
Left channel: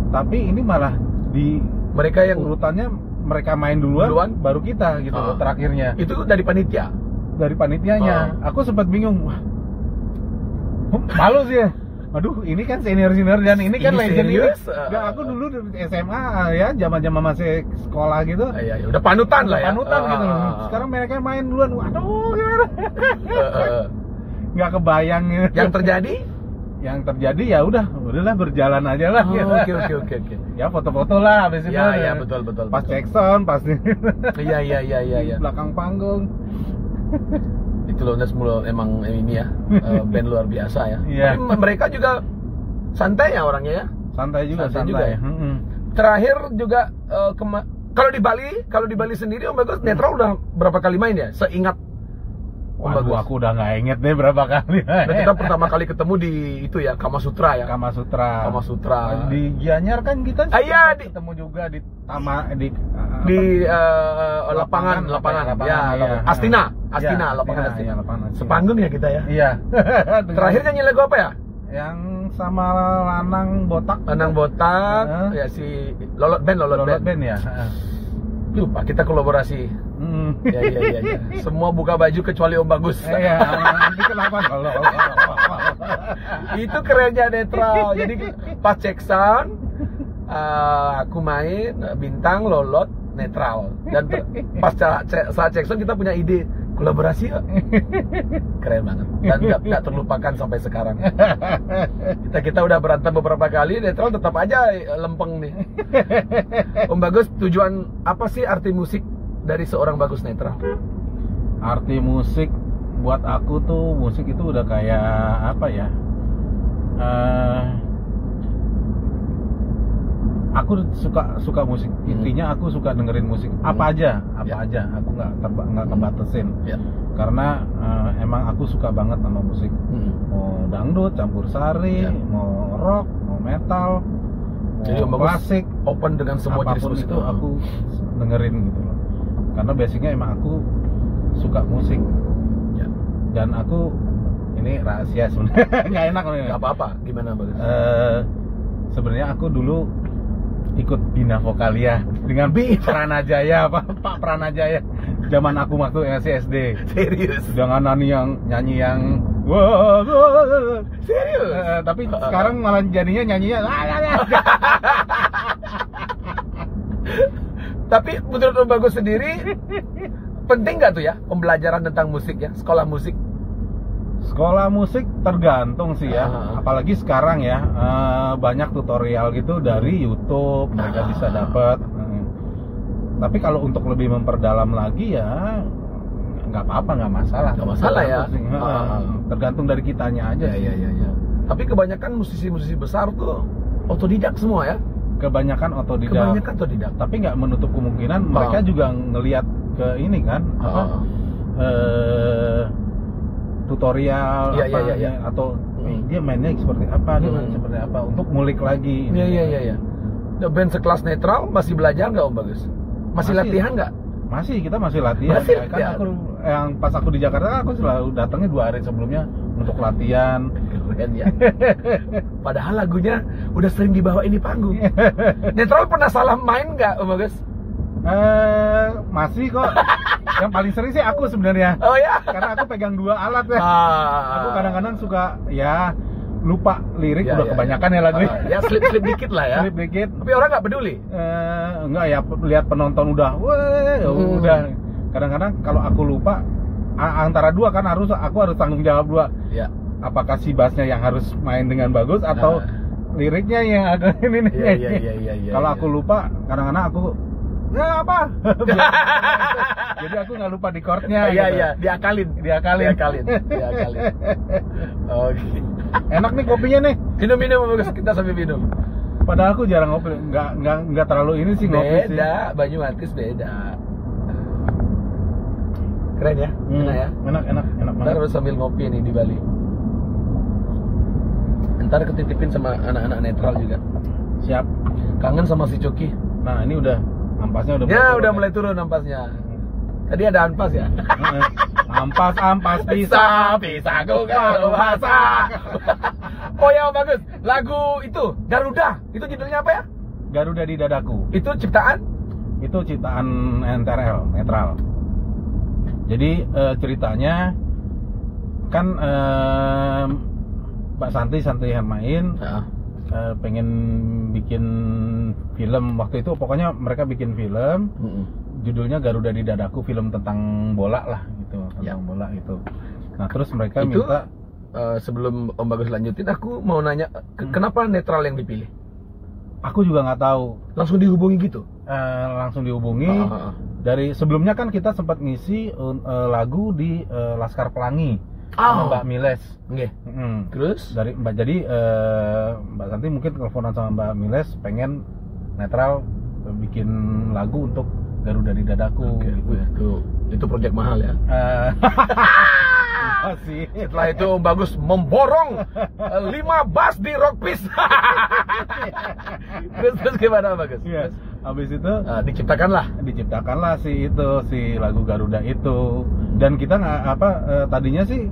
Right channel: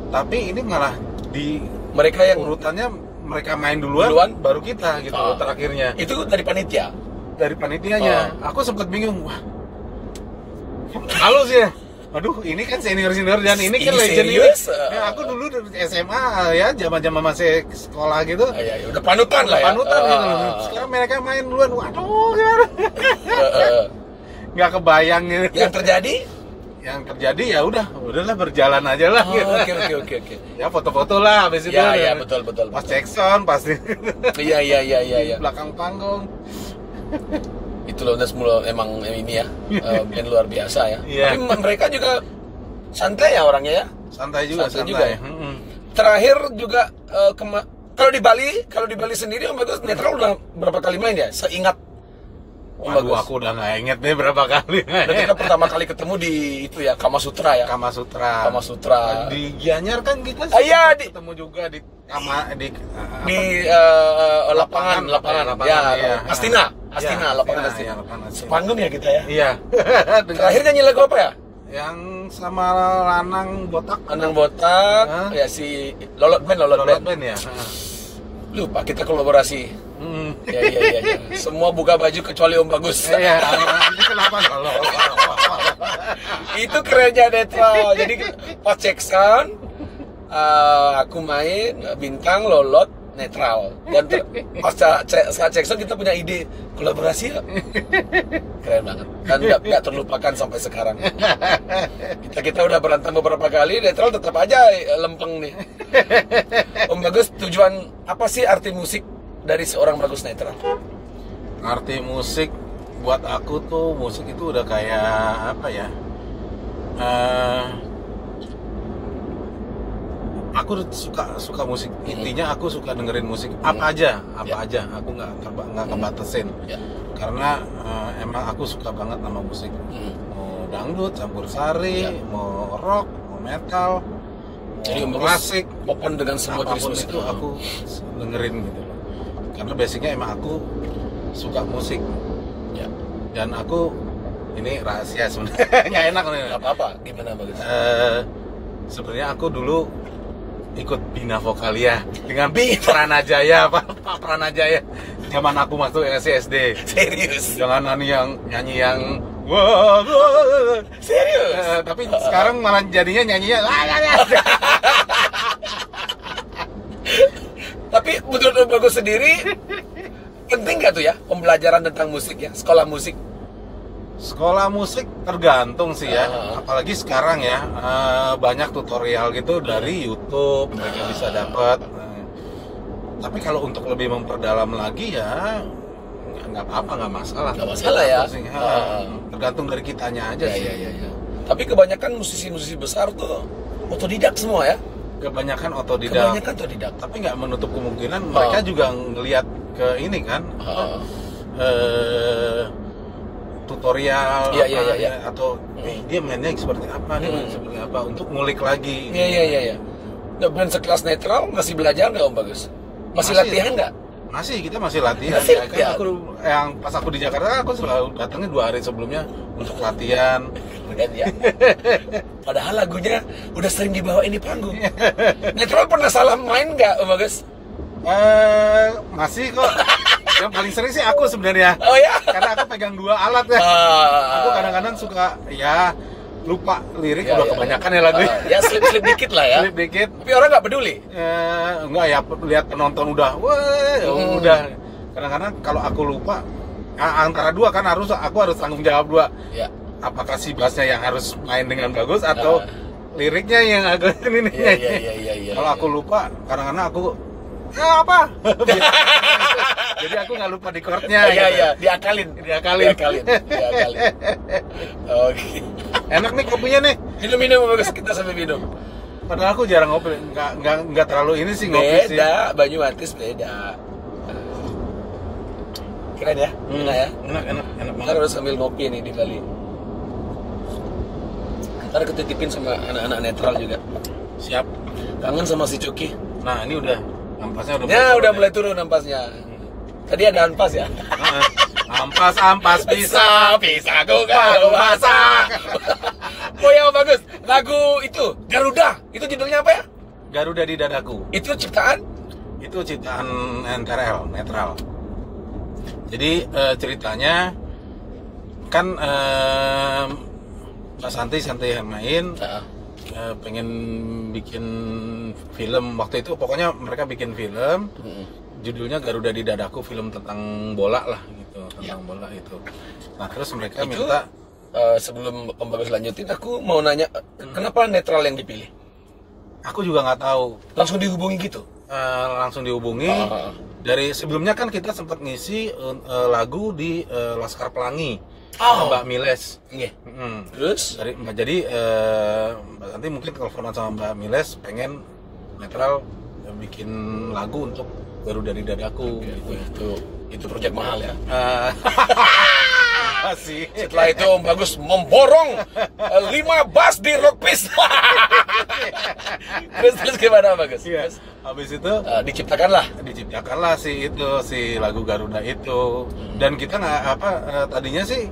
Tapi ini malah di Mereka yang urutannya mereka main duluan. Baru kita gitu terakhirnya. itu dari panitia. Dari panitianya. Aku sempat bingung. Wah, malu sih ya. Aduh, ini kan senior dan ini kan Ini legend ini. serius? Ya, aku dulu dari SMA ya, zaman masih sekolah gitu. Iya, udah panutan lah ya. Panutan gitu. Sekarang mereka main duluan. Waduh, gimana? Nggak kebayang gitu. Yang terjadi ya udahlah berjalan aja lah. Gitu. Oke. Ya foto-foto lah habis itu. Iya, betul. Pas cek sound pasti. Iya. Belakang panggung. Itu Loudness emang ini ya, band luar biasa ya. Iya. Tapi mereka juga santai ya orangnya ya. Santai juga. Ya? Terakhir juga kalau di Bali sendiri Om Bagus Netral udah berapa kali main ya? Seingat Om Bagus. Aku udah nggak inget deh berapa kali. Dan kita pertama kali ketemu di itu ya, Kama Sutra ya. Kama Sutra. Di Di Gianyar kan kita iya, ketemu juga di lapangan. Iya. Astina, Iya, lapangan Astina, Astina. iya, lapangan Astina. Sepanggung ya kita ya. Iya. Terakhir nyanyi lagu apa ya? Yang sama Lanang Botak. Lanang Botak, ya si Lolot Band ya. Lupa kita kolaborasi. Ya. Semua buka baju kecuali Om Bagus. Iya, nanti kenapa kalau Itu kerennya netral. Jadi pas check sound, aku main bintang Lolot netral. Dan pas saat check sound kita punya ide kolaborasi ya. Keren banget. Dan nggak terlupakan sampai sekarang. Kita udah berantem beberapa kali, netral tetap aja lempeng nih. Om Bagus, tujuan apa sih arti musik dari seorang Bagus netral? Arti musik buat aku tuh, musik itu udah kayak apa ya? Aku suka musik. Intinya aku suka dengerin musik apa aja. Aku nggak kebatasin. Karena emang aku suka banget sama musik. Mau dangdut, campur sari, mau rock, mau metal, jadi mau klasik, open dengan semua jenis apapun musik itu aku dengerin gitu loh. Karena basicnya emang aku suka musik. Dan aku ini rahasia sebenarnya, nggak enak nih. Nggak apa-apa, gimana Bagus? Sebenarnya aku dulu ikut Bina Vokalia dengan Pranajaya, Pak Pranajaya. Zaman aku waktu SD. Serius? Jangan nyanyi yang serius. Tapi sekarang malah jadinya nyanyinya Tapi menurut Om Bagus sendiri penting nggak tuh ya pembelajaran tentang musik ya, sekolah musik? Sekolah musik tergantung sih ya, apalagi sekarang ya banyak tutorial gitu dari YouTube mereka bisa dapat. Tapi kalau untuk lebih memperdalam lagi ya nggak apa-apa, nggak masalah. Nggak masalah ya. Tergantung dari kitanya aja sih. Iya. Tapi kebanyakan musisi-musisi besar tuh otodidak semua ya. Kebanyakan otodidak. Tapi nggak menutup kemungkinan mereka juga ngelihat ke ini kan tutorial atau dia mainnya seperti apa, seperti apa untuk ngulik lagi. Iya. Nah, band sekelas netral masih belajar nggak Om Bagus? Masih latihan nggak? Kita masih latihan. Aku yang pas aku di Jakarta aku selalu datangnya 2 hari sebelumnya untuk latihan. Ya. Padahal lagunya udah sering dibawain di panggung. Netral pernah salah main nggak Om Bagus? Masih kok. Yang paling sering sih aku sebenarnya. Oh ya? Karena aku pegang 2 alat ya. Aku kadang-kadang suka ya lupa lirik, udah kebanyakan ya lagunya. Ya slip dikit lah ya. Slip dikit. Tapi orang nggak peduli. Enggak ya, lihat penonton udah, udah. Kadang-kadang kalau aku lupa antara 2 kan aku harus tanggung jawab 2. Ya. Apakah si bassnya yang harus main dengan bagus atau liriknya yang agak ini nih. Iya. Kalau aku lupa, kadang-kadang aku ya apa? Jadi aku nggak lupa di chordnya. Iya. Diakalin. Oke. Enak nih kopinya nih. Minum Bagus, kita sambil minum. Padahal aku jarang ngopi, nggak terlalu ini sih ngopi sih. Beda, Banyuwantis beda. Keren ya, enak ya. Enak banget. Ntar harus sambil ngopi nih di Bali. Ntar ketitipin sama anak-anak netral juga. Siap. Kangen sama si Cuki. Nah ini udah ampasnya udah mulai turun ampasnya. Tadi ada ampas ya. Ampas bisa go kalau masak. Oh ya Bagus, lagu itu Garuda, itu judulnya apa ya? Garuda di Dadaku. Itu ciptaan NTRL, netral. Jadi ceritanya kan Mbak Santi Hermain pengen bikin film waktu itu, pokoknya mereka bikin film judulnya Garuda di Dadaku, film tentang bola lah gitu, tentang bola itu. Nah terus mereka itu, minta sebelum Om Bagus lanjutin, aku mau nanya kenapa netral yang dipilih? Aku juga nggak tahu. Langsung dihubungi gitu? Langsung dihubungi. Dari sebelumnya kan kita sempat ngisi lagu di Laskar Pelangi sama Mbak Miles. Terus? Jadi Mbak Santi mungkin teleponan sama Mbak Miles, pengen netral bikin lagu untuk Garuda di Dadaku. Itu proyek mahal ya. Masih. Setelah itu Om Bagus memborong 5 bass di Rockpiece. terus gimana Om Bagus? Iya. Habis itu diciptakanlah si lagu Garuda itu. Dan kita nggak tadinya sih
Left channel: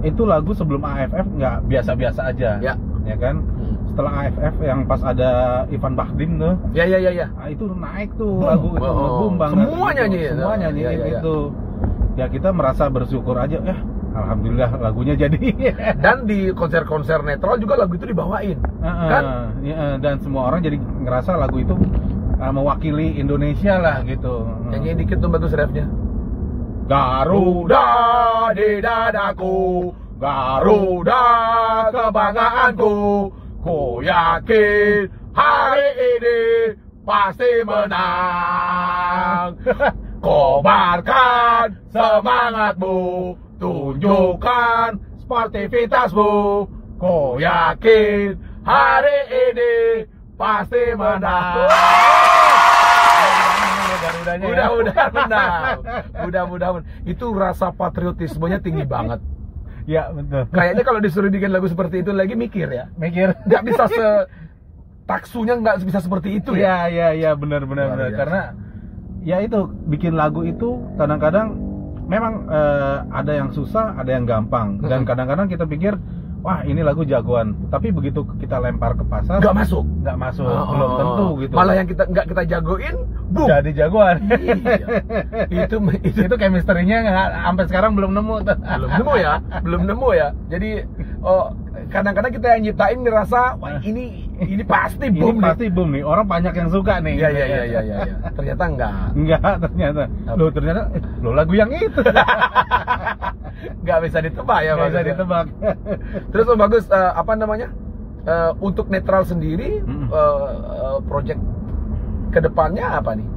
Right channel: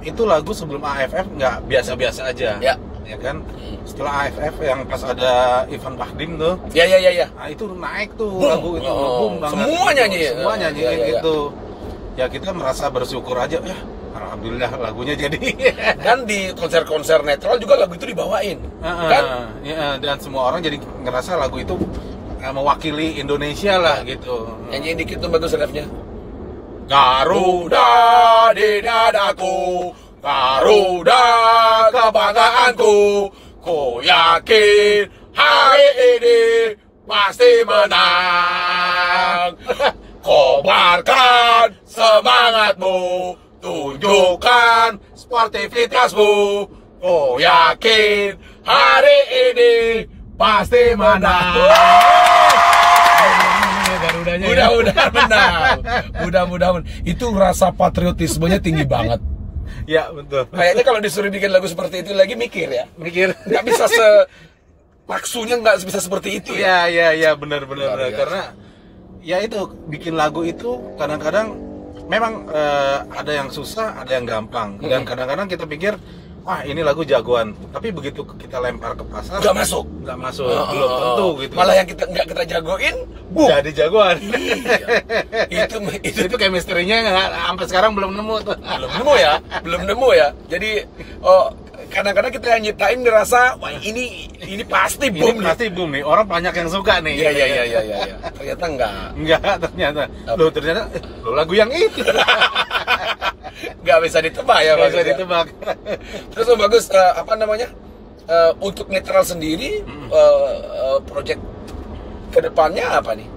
itu lagu sebelum AFF nggak biasa-biasa aja. Ya kan? Setelah AFF yang pas ada Ivan Bahdim tuh. Ya. Nah, itu naik tuh lagu itu boom banget. Semua nyanyiin itu. Ya kita merasa bersyukur aja ya. Alhamdulillah lagunya jadi. Dan di konser-konser netral juga lagu itu dibawain. Kan? Ya, dan semua orang jadi ngerasa lagu itu mewakili Indonesia lah gitu. Nyanyiin dikit tuh Bagus refnya. Garuda di dadaku, Garuda kebanggaanku, ku yakin hari ini pasti menang. Kobarkan semangatmu, tunjukkan sportivitasmu, ku yakin hari ini pasti menang. Mudah-mudahan itu rasa patriotismenya tinggi banget. Ya betul. Kayaknya kalau disuruh bikin lagu seperti itu lagi mikir nggak bisa taksunya nggak bisa seperti itu ya. Ya benar. Karena ya itu bikin lagu itu kadang-kadang memang ada yang susah, ada yang gampang. Dan kadang-kadang kita pikir wah ini lagu jagoan, tapi begitu kita lempar ke pasar nggak masuk, belum tentu gitu. Malah yang nggak kita jagoin, boom, jadi jagoan. Iya. itu chemistry-nya sampai sekarang belum nemu. belum nemu ya. Jadi kadang-kadang kita yang nyiptain ngerasa wah ini pasti boom, nih. Orang banyak yang suka nih. Iya. Ternyata enggak. Ternyata lagu yang itu. Nggak bisa ditebak ya, nggak bisa ditebak. Terus Om Bagus untuk netral sendiri project kedepannya apa nih?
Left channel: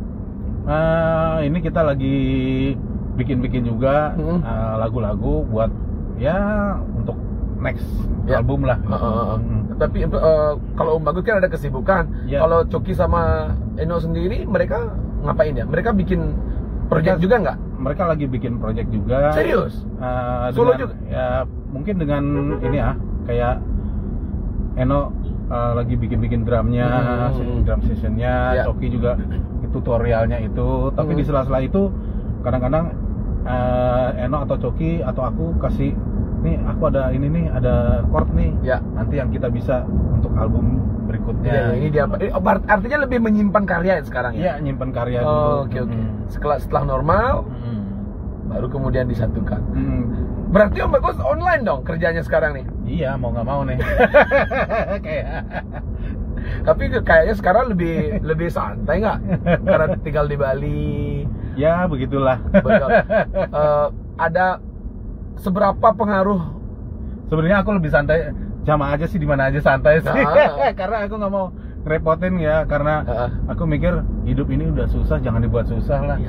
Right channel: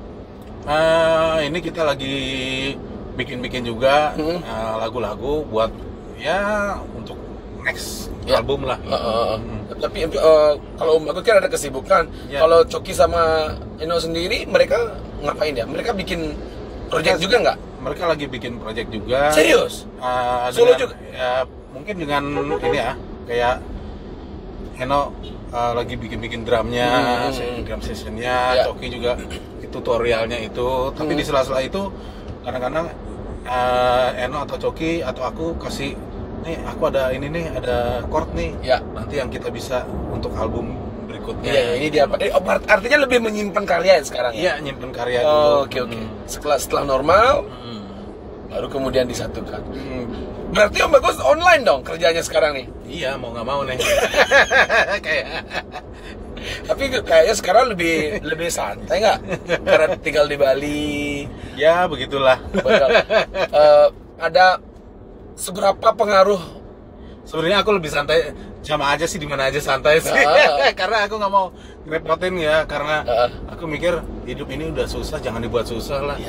Ini kita lagi bikin juga lagu-lagu buat ya untuk next album lah. Tapi kalau Om Bagus kan ada kesibukan. Kalau Coki sama Eno sendiri mereka ngapain ya? Mereka bikin project juga nggak? Mereka lagi bikin project juga. Serius? Solo juga? Ya, mungkin dengan ini ya, kayak Eno lagi bikin drumnya, drum sessionnya, Coki juga tutorialnya itu. Tapi di sela-sela itu kadang-kadang Eno atau Coki atau aku kasih, nih aku ada ini nih, ada chord nih. Nanti yang kita bisa untuk album berikutnya. Ini dia apa? Artinya lebih menyimpan karya sekarang ya? Iya, nyimpan karya dulu. Oke. Setelah normal, baru kemudian disatukan. Berarti Om Bagus online dong kerjanya sekarang nih? Iya, mau nggak mau nih. Tapi kayaknya sekarang lebih santai nggak? Karena tinggal di Bali. Ya, begitulah. Betul. Ada seberapa pengaruh? Sebenarnya aku lebih santai, sama aja sih, di mana aja santai sih. Karena aku nggak mau ngerepotin ya, karena aku mikir hidup ini udah susah, jangan dibuat susah lah.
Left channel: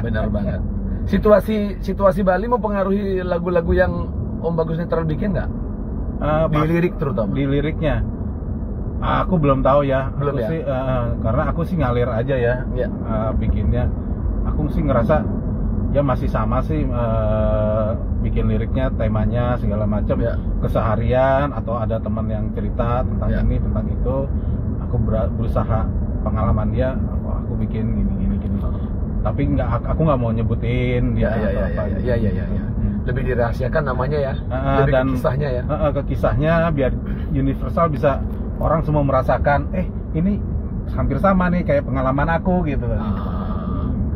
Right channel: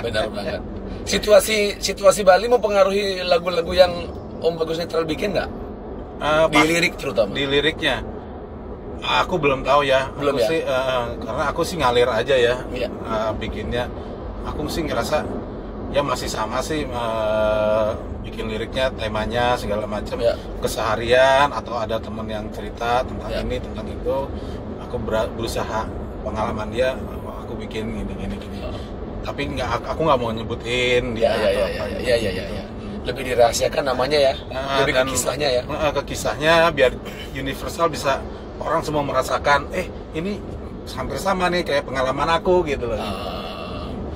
Benar banget. Situasi Bali mempengaruhi lagu-lagu yang Om Bagus Netral bikin nggak? Di lirik terutama. Di liriknya, aku belum tahu ya. Belum aku ya? Sih, karena aku sih ngalir aja ya, bikinnya. Aku sih ngerasa ya masih sama sih, bikin liriknya, temanya segala macam, keseharian atau ada teman yang cerita tentang ini tentang itu, aku berusaha pengalaman dia, aku bikin gini. Tapi aku nggak mau nyebutin dia atau apa. Iya. Lebih dirahasiakan namanya ya, lebih ke kisahnya ya. Ke kisahnya biar universal, bisa orang semua merasakan, ini hampir sama nih kayak pengalaman aku gitu loh.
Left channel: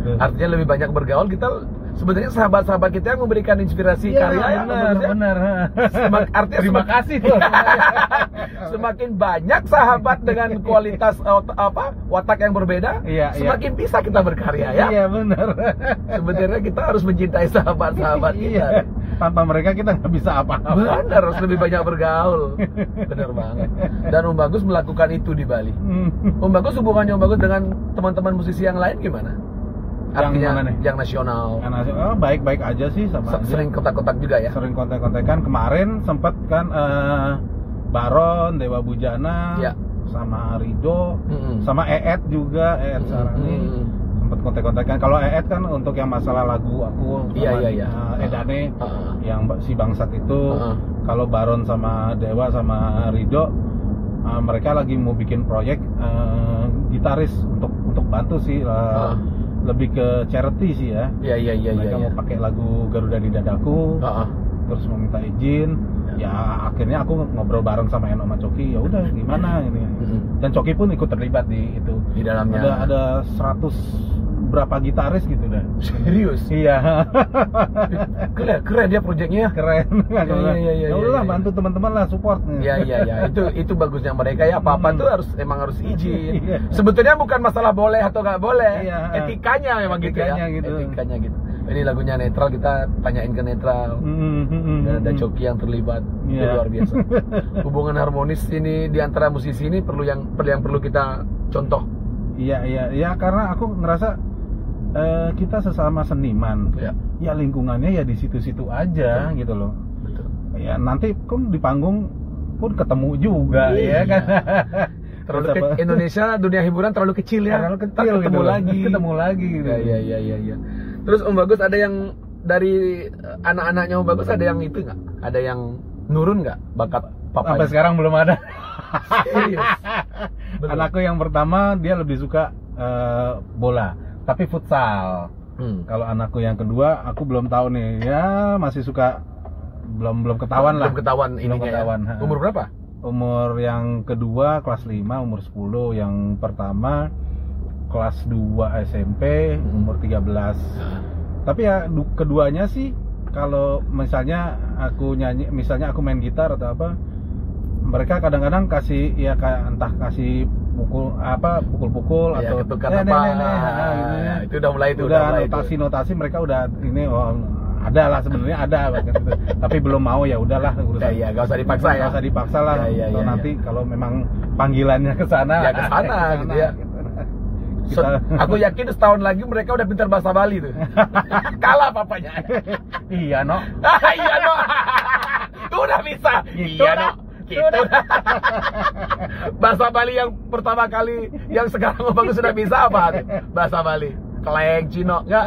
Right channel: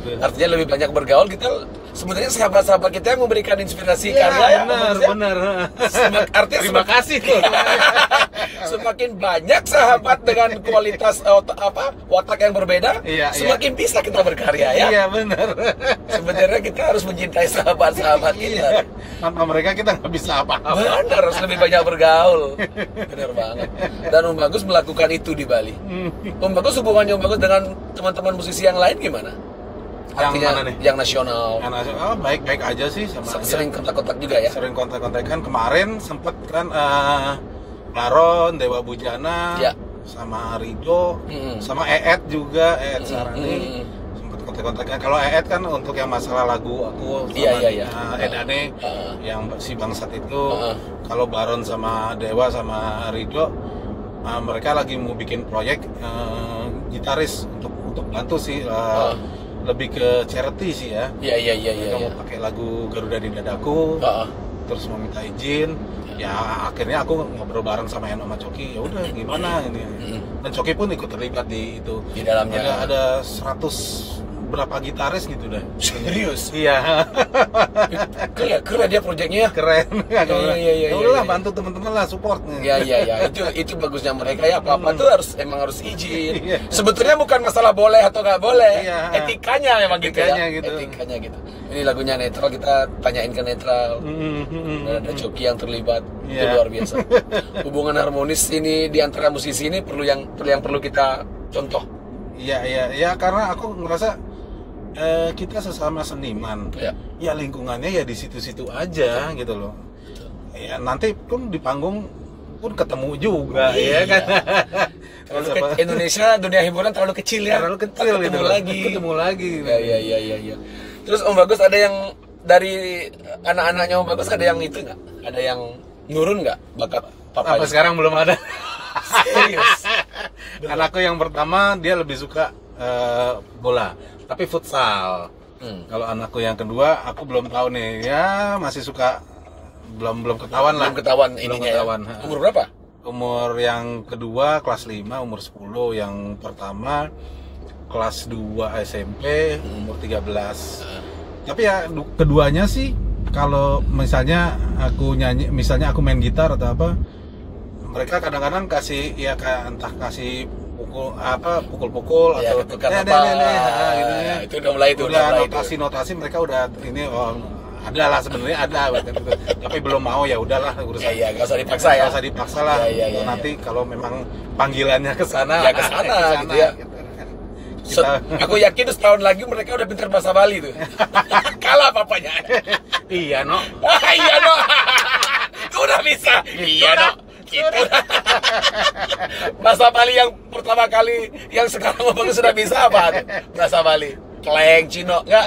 Artinya lebih banyak bergaul, kita sebenarnya sahabat-sahabat kita yang memberikan inspirasi karya. Benar. Artinya terima kasih loh. Semakin banyak sahabat dengan kualitas watak yang berbeda, semakin bisa kita berkarya ya. Iya benar. Sebenarnya kita harus mencintai sahabat-sahabat kita. Tanpa mereka kita nggak bisa apa-apa. Benar, harus lebih banyak bergaul. Benar banget. Dan Om Bagus melakukan itu di Bali. Om Bagus, hubungannya Om Bagus dengan teman-teman musisi yang lain gimana? Yang mana nih? Yang nasional. Baik-baik aja sih, sama sering kontak-kontak juga ya? Sering kontak-kontakan. Kemarin sempet kan Baron, Dewa Bujana, sama Rido, sama Eet juga, Eet Sarani. sempat kontak-kontakan. Kalau Eed kan untuk yang masalah lagu aku sama Edane yang si Bangsat itu. Kalau Baron sama Dewa sama Rido, mereka lagi mau bikin proyek gitaris untuk bantu sih. Lebih ke charity sih ya. Mereka mau pakai lagu Garuda di Dadaku. Terus mau minta izin. Ya akhirnya aku ngobrol bareng sama Eno sama Coki, ya udah gimana ini. Dan Coki pun ikut terlibat di itu. Di dalamnya ada 100 berapa gitaris gitu deh. Serius? Iya. Keren dia proyeknya. Keren. Iya. Udah lah, bantu teman-teman lah, support. Iya. Itu bagusnya mereka ya, apa-apa tuh harus izin. Sebetulnya bukan masalah boleh atau nggak boleh. Etikanya memang Etikanya gitu. Ini lagunya Netral, kita tanyain ke Netral. Dan ada Coki yang terlibat. Itu luar biasa. Hubungan harmonis ini di antara musisi ini yang perlu kita contoh. Iya, karena aku ngerasa kita sesama seniman. Ya lingkungannya ya di situ-situ aja gitu loh. Betul. Ya nanti pun di panggung pun ketemu juga, ya kan. Indonesia, dunia hiburan terlalu kecil ya. Terlalu kecil ketemu lagi. Iya. Terus Om Bagus ada yang dari anak-anaknya Om Bagus ada yang itu nggak? Ada yang nurun nggak bakat papanya? Sampai sekarang belum ada. Serius? Anakku yang pertama dia lebih suka bola, tapi futsal. Kalau anakku yang kedua aku belum tahu nih, ya masih suka belum ketahuan lah. Belum ketahuan ininya. Ya. Umur berapa? Umur yang kedua kelas 5, umur 10, yang pertama kelas 2 SMP, umur 13. Tapi ya keduanya sih, kalau misalnya aku nyanyi, misalnya aku main gitar atau apa, mereka kadang-kadang kasih ya kayak entah kasih pukul-pukul ya, atau gitu. Itu udah mulai itu. Udah notasi mereka udah ini ada lah sebenarnya ada gitu. Tapi belum mau, ya udahlah urusan. Ya, gak usah dipaksa ya. Gak usah dipaksa lah. Nanti kalau memang panggilannya ke sana, ya ke sana gitu ya. Aku yakin setahun lagi mereka udah pintar bahasa Bali tuh. Kalah papanya. Iya, no. Iya, no. Udah bisa. Iya, no. Gitu. Bahasa Bali yang pertama kali, yang sekarang Bagus sudah bisa apa? Bahasa Bali. Keleng Cino enggak?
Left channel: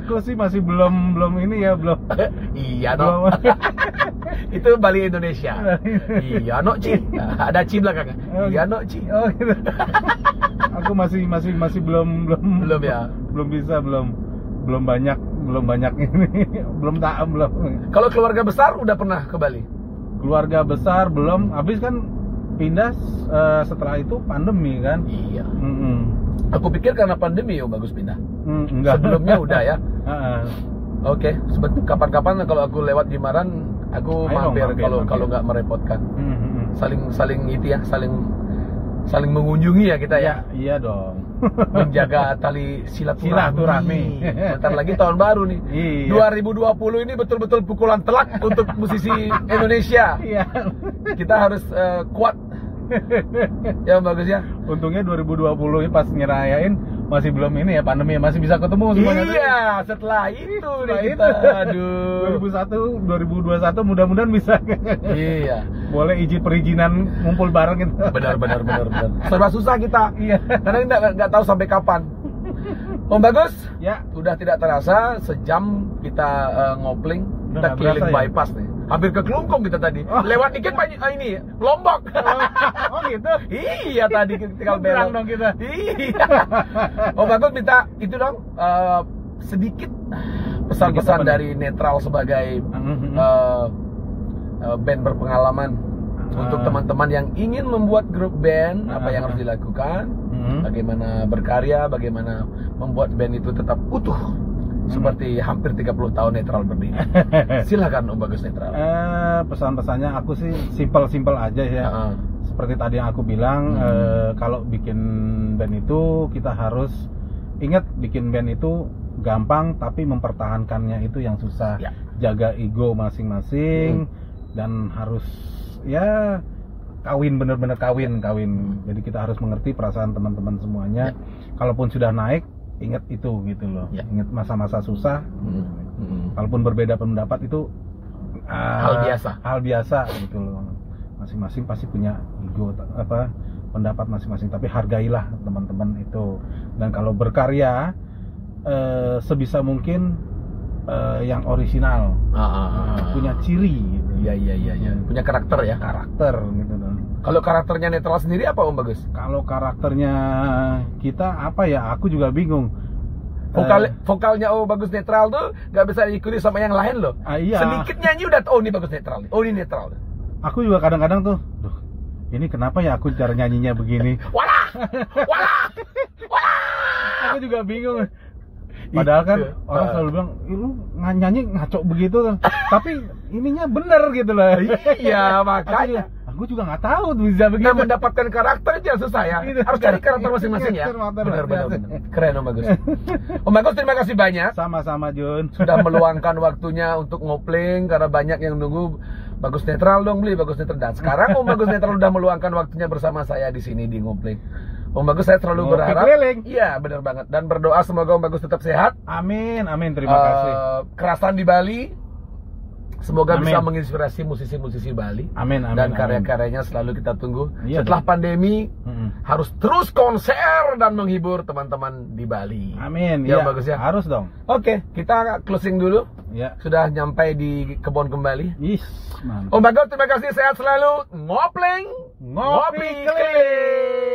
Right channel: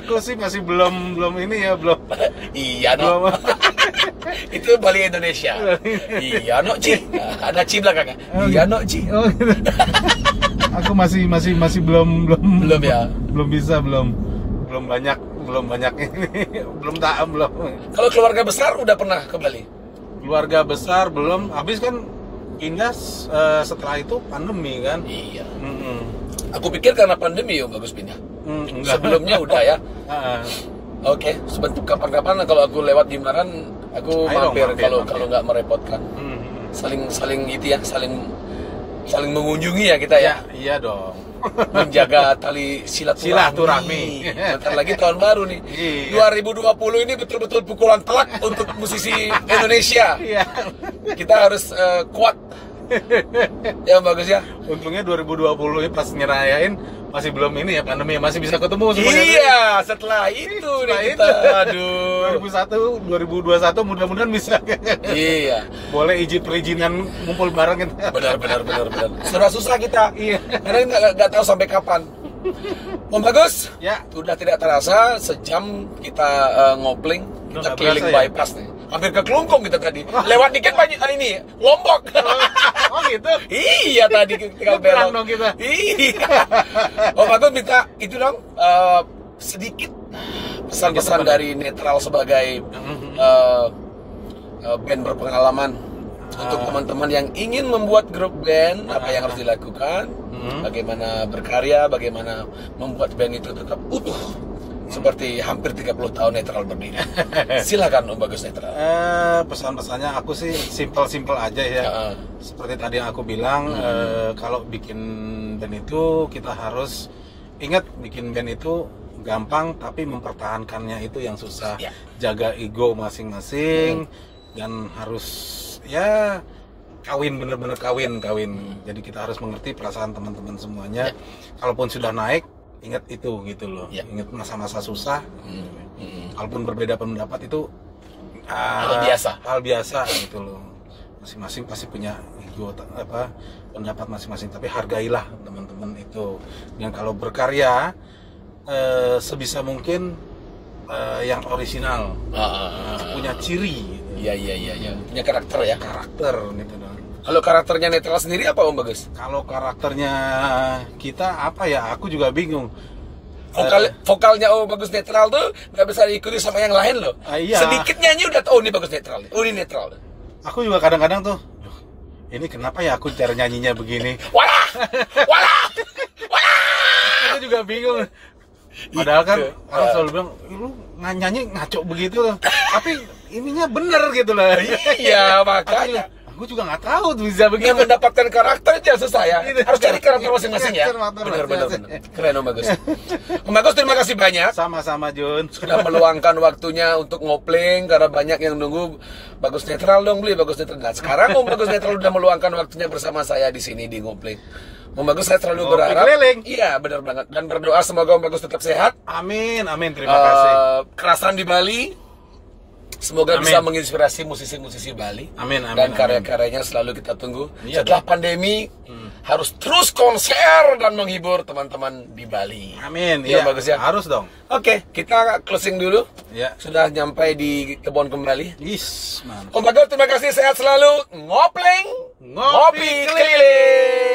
Aku sih masih belum ini ya, belum. Iya, no. Itu Bali Indonesia. Iya, no, Ci. Ada Ci belakangnya. Iya, no, Ci. Oh, gitu. Aku masih belum ya. Belum bisa, belum banyak ini. belum. Kalau keluarga besar udah pernah ke Bali? Keluarga besar belum. Habis kan pindah setelah itu pandemi kan. Iya. Aku pikir karena pandemi Om Bagus pindah. Enggak. Sebelumnya udah ya. Oke, kapan-kapan kalau aku lewat di Maran, aku mampir kalau nggak merepotkan. Saling itu ya, saling mengunjungi ya kita ya. Iya dong. Menjaga tali silaturahmi. Bentar lagi tahun baru nih. Iya. 2020 ini betul-betul pukulan telak untuk musisi Indonesia. Iya. Kita harus kuat. Ya bagus ya. Untungnya 2020 ini pas ngerayain masih belum ini ya, pandemi, masih bisa ketemu semuanya. Iya, setelah itu kita. Aduh. 2021 mudah-mudahan bisa. Iya. Boleh perizinan ngumpul bareng kita. Benar. Serba susah kita. Iya. Karena kita nggak tahu sampai kapan. Om Bagus, ya. Sudah tidak terasa sejam kita ngopling, kita keliling bypass nih. Hampir ke Kelungkung kita tadi. Lewat dikit banyak ini Lombok. Oh gitu. Iya tadi tinggal belok dong kita. Iya. Om Bagus minta itu dong sedikit pesan-pesan dari Netral sebagai band berpengalaman untuk teman-teman yang ingin membuat grup band, apa yang harus dilakukan, bagaimana berkarya, bagaimana membuat band itu tetap utuh seperti hampir 30 tahun Netral berdiri. Silakan Om Bagus Netral. Pesan-pesannya aku sih simple aja ya. Seperti tadi yang aku bilang, kalau bikin band itu kita harus ingat, bikin band itu gampang tapi mempertahankannya itu yang susah. Jaga ego masing-masing dan harus ya bener-bener kawin. Jadi kita harus mengerti perasaan teman-teman semuanya. Kalaupun sudah naik, ingat itu gitu loh. Ingat masa-masa susah. Kalaupun berbeda pendapat itu hal biasa gitu loh. masing-masing pasti punya ego pendapat masing-masing, tapi hargailah teman-teman itu. Dan kalau berkarya sebisa mungkin yang original, punya ciri gitu. Iya. Punya karakter ya. Karakter gitu dong. Kalau karakternya netral sendiri apa Om Bagus? Kalau karakternya kita apa ya? Aku juga bingung. Vokalnya Om Bagus netral tuh nggak bisa diikuti sama yang lain loh. Iya. Sedikit nyanyi udah oh ini Bagus netral. Oh ini netral. Aku juga kadang-kadang tuh, duh, ini kenapa ya aku cara nyanyinya begini? Walah. Aku juga bingung. Padahal kan Itu. orang selalu bilang, lu nyanyi ngaco begitu loh. Tapi ininya bener gitu lah. Iya, makanya. Aku juga nggak tahu tuh bisa begitu. Nah, mendapatkan karakter itu yang susah ya. Gitu. Harus cari karakter masing-masing ya. Karakter Benar. masing-masing. Keren Om Bagus. Om Bagus terima kasih banyak. Sama-sama Jun. Sudah meluangkan waktunya untuk ngopling karena banyak yang nunggu Bagus netral dong, beli Bagus netral. Nah, sekarang Om Bagus netral udah meluangkan waktunya bersama saya di sini di ngopling. Om Bagus saya selalu Ngopi berharap. keliling. Iya, benar banget. Dan berdoa semoga Om Bagus tetap sehat. Amin, terima kasih. Kerasan di Bali. Semoga Amin. bisa menginspirasi musisi-musisi Bali. Amin. Dan karya-karyanya selalu kita tunggu. Iya Setelah pandemi harus terus konser dan menghibur teman-teman di Bali. Amin. Iya, Iya, Bagus ya. Harus dong. Oke, kita closing dulu. Ya. Sudah nyampe di kebun kembali. Mantap. Om Bagus terima kasih, sehat selalu. Ngopling, Ngopi keliling.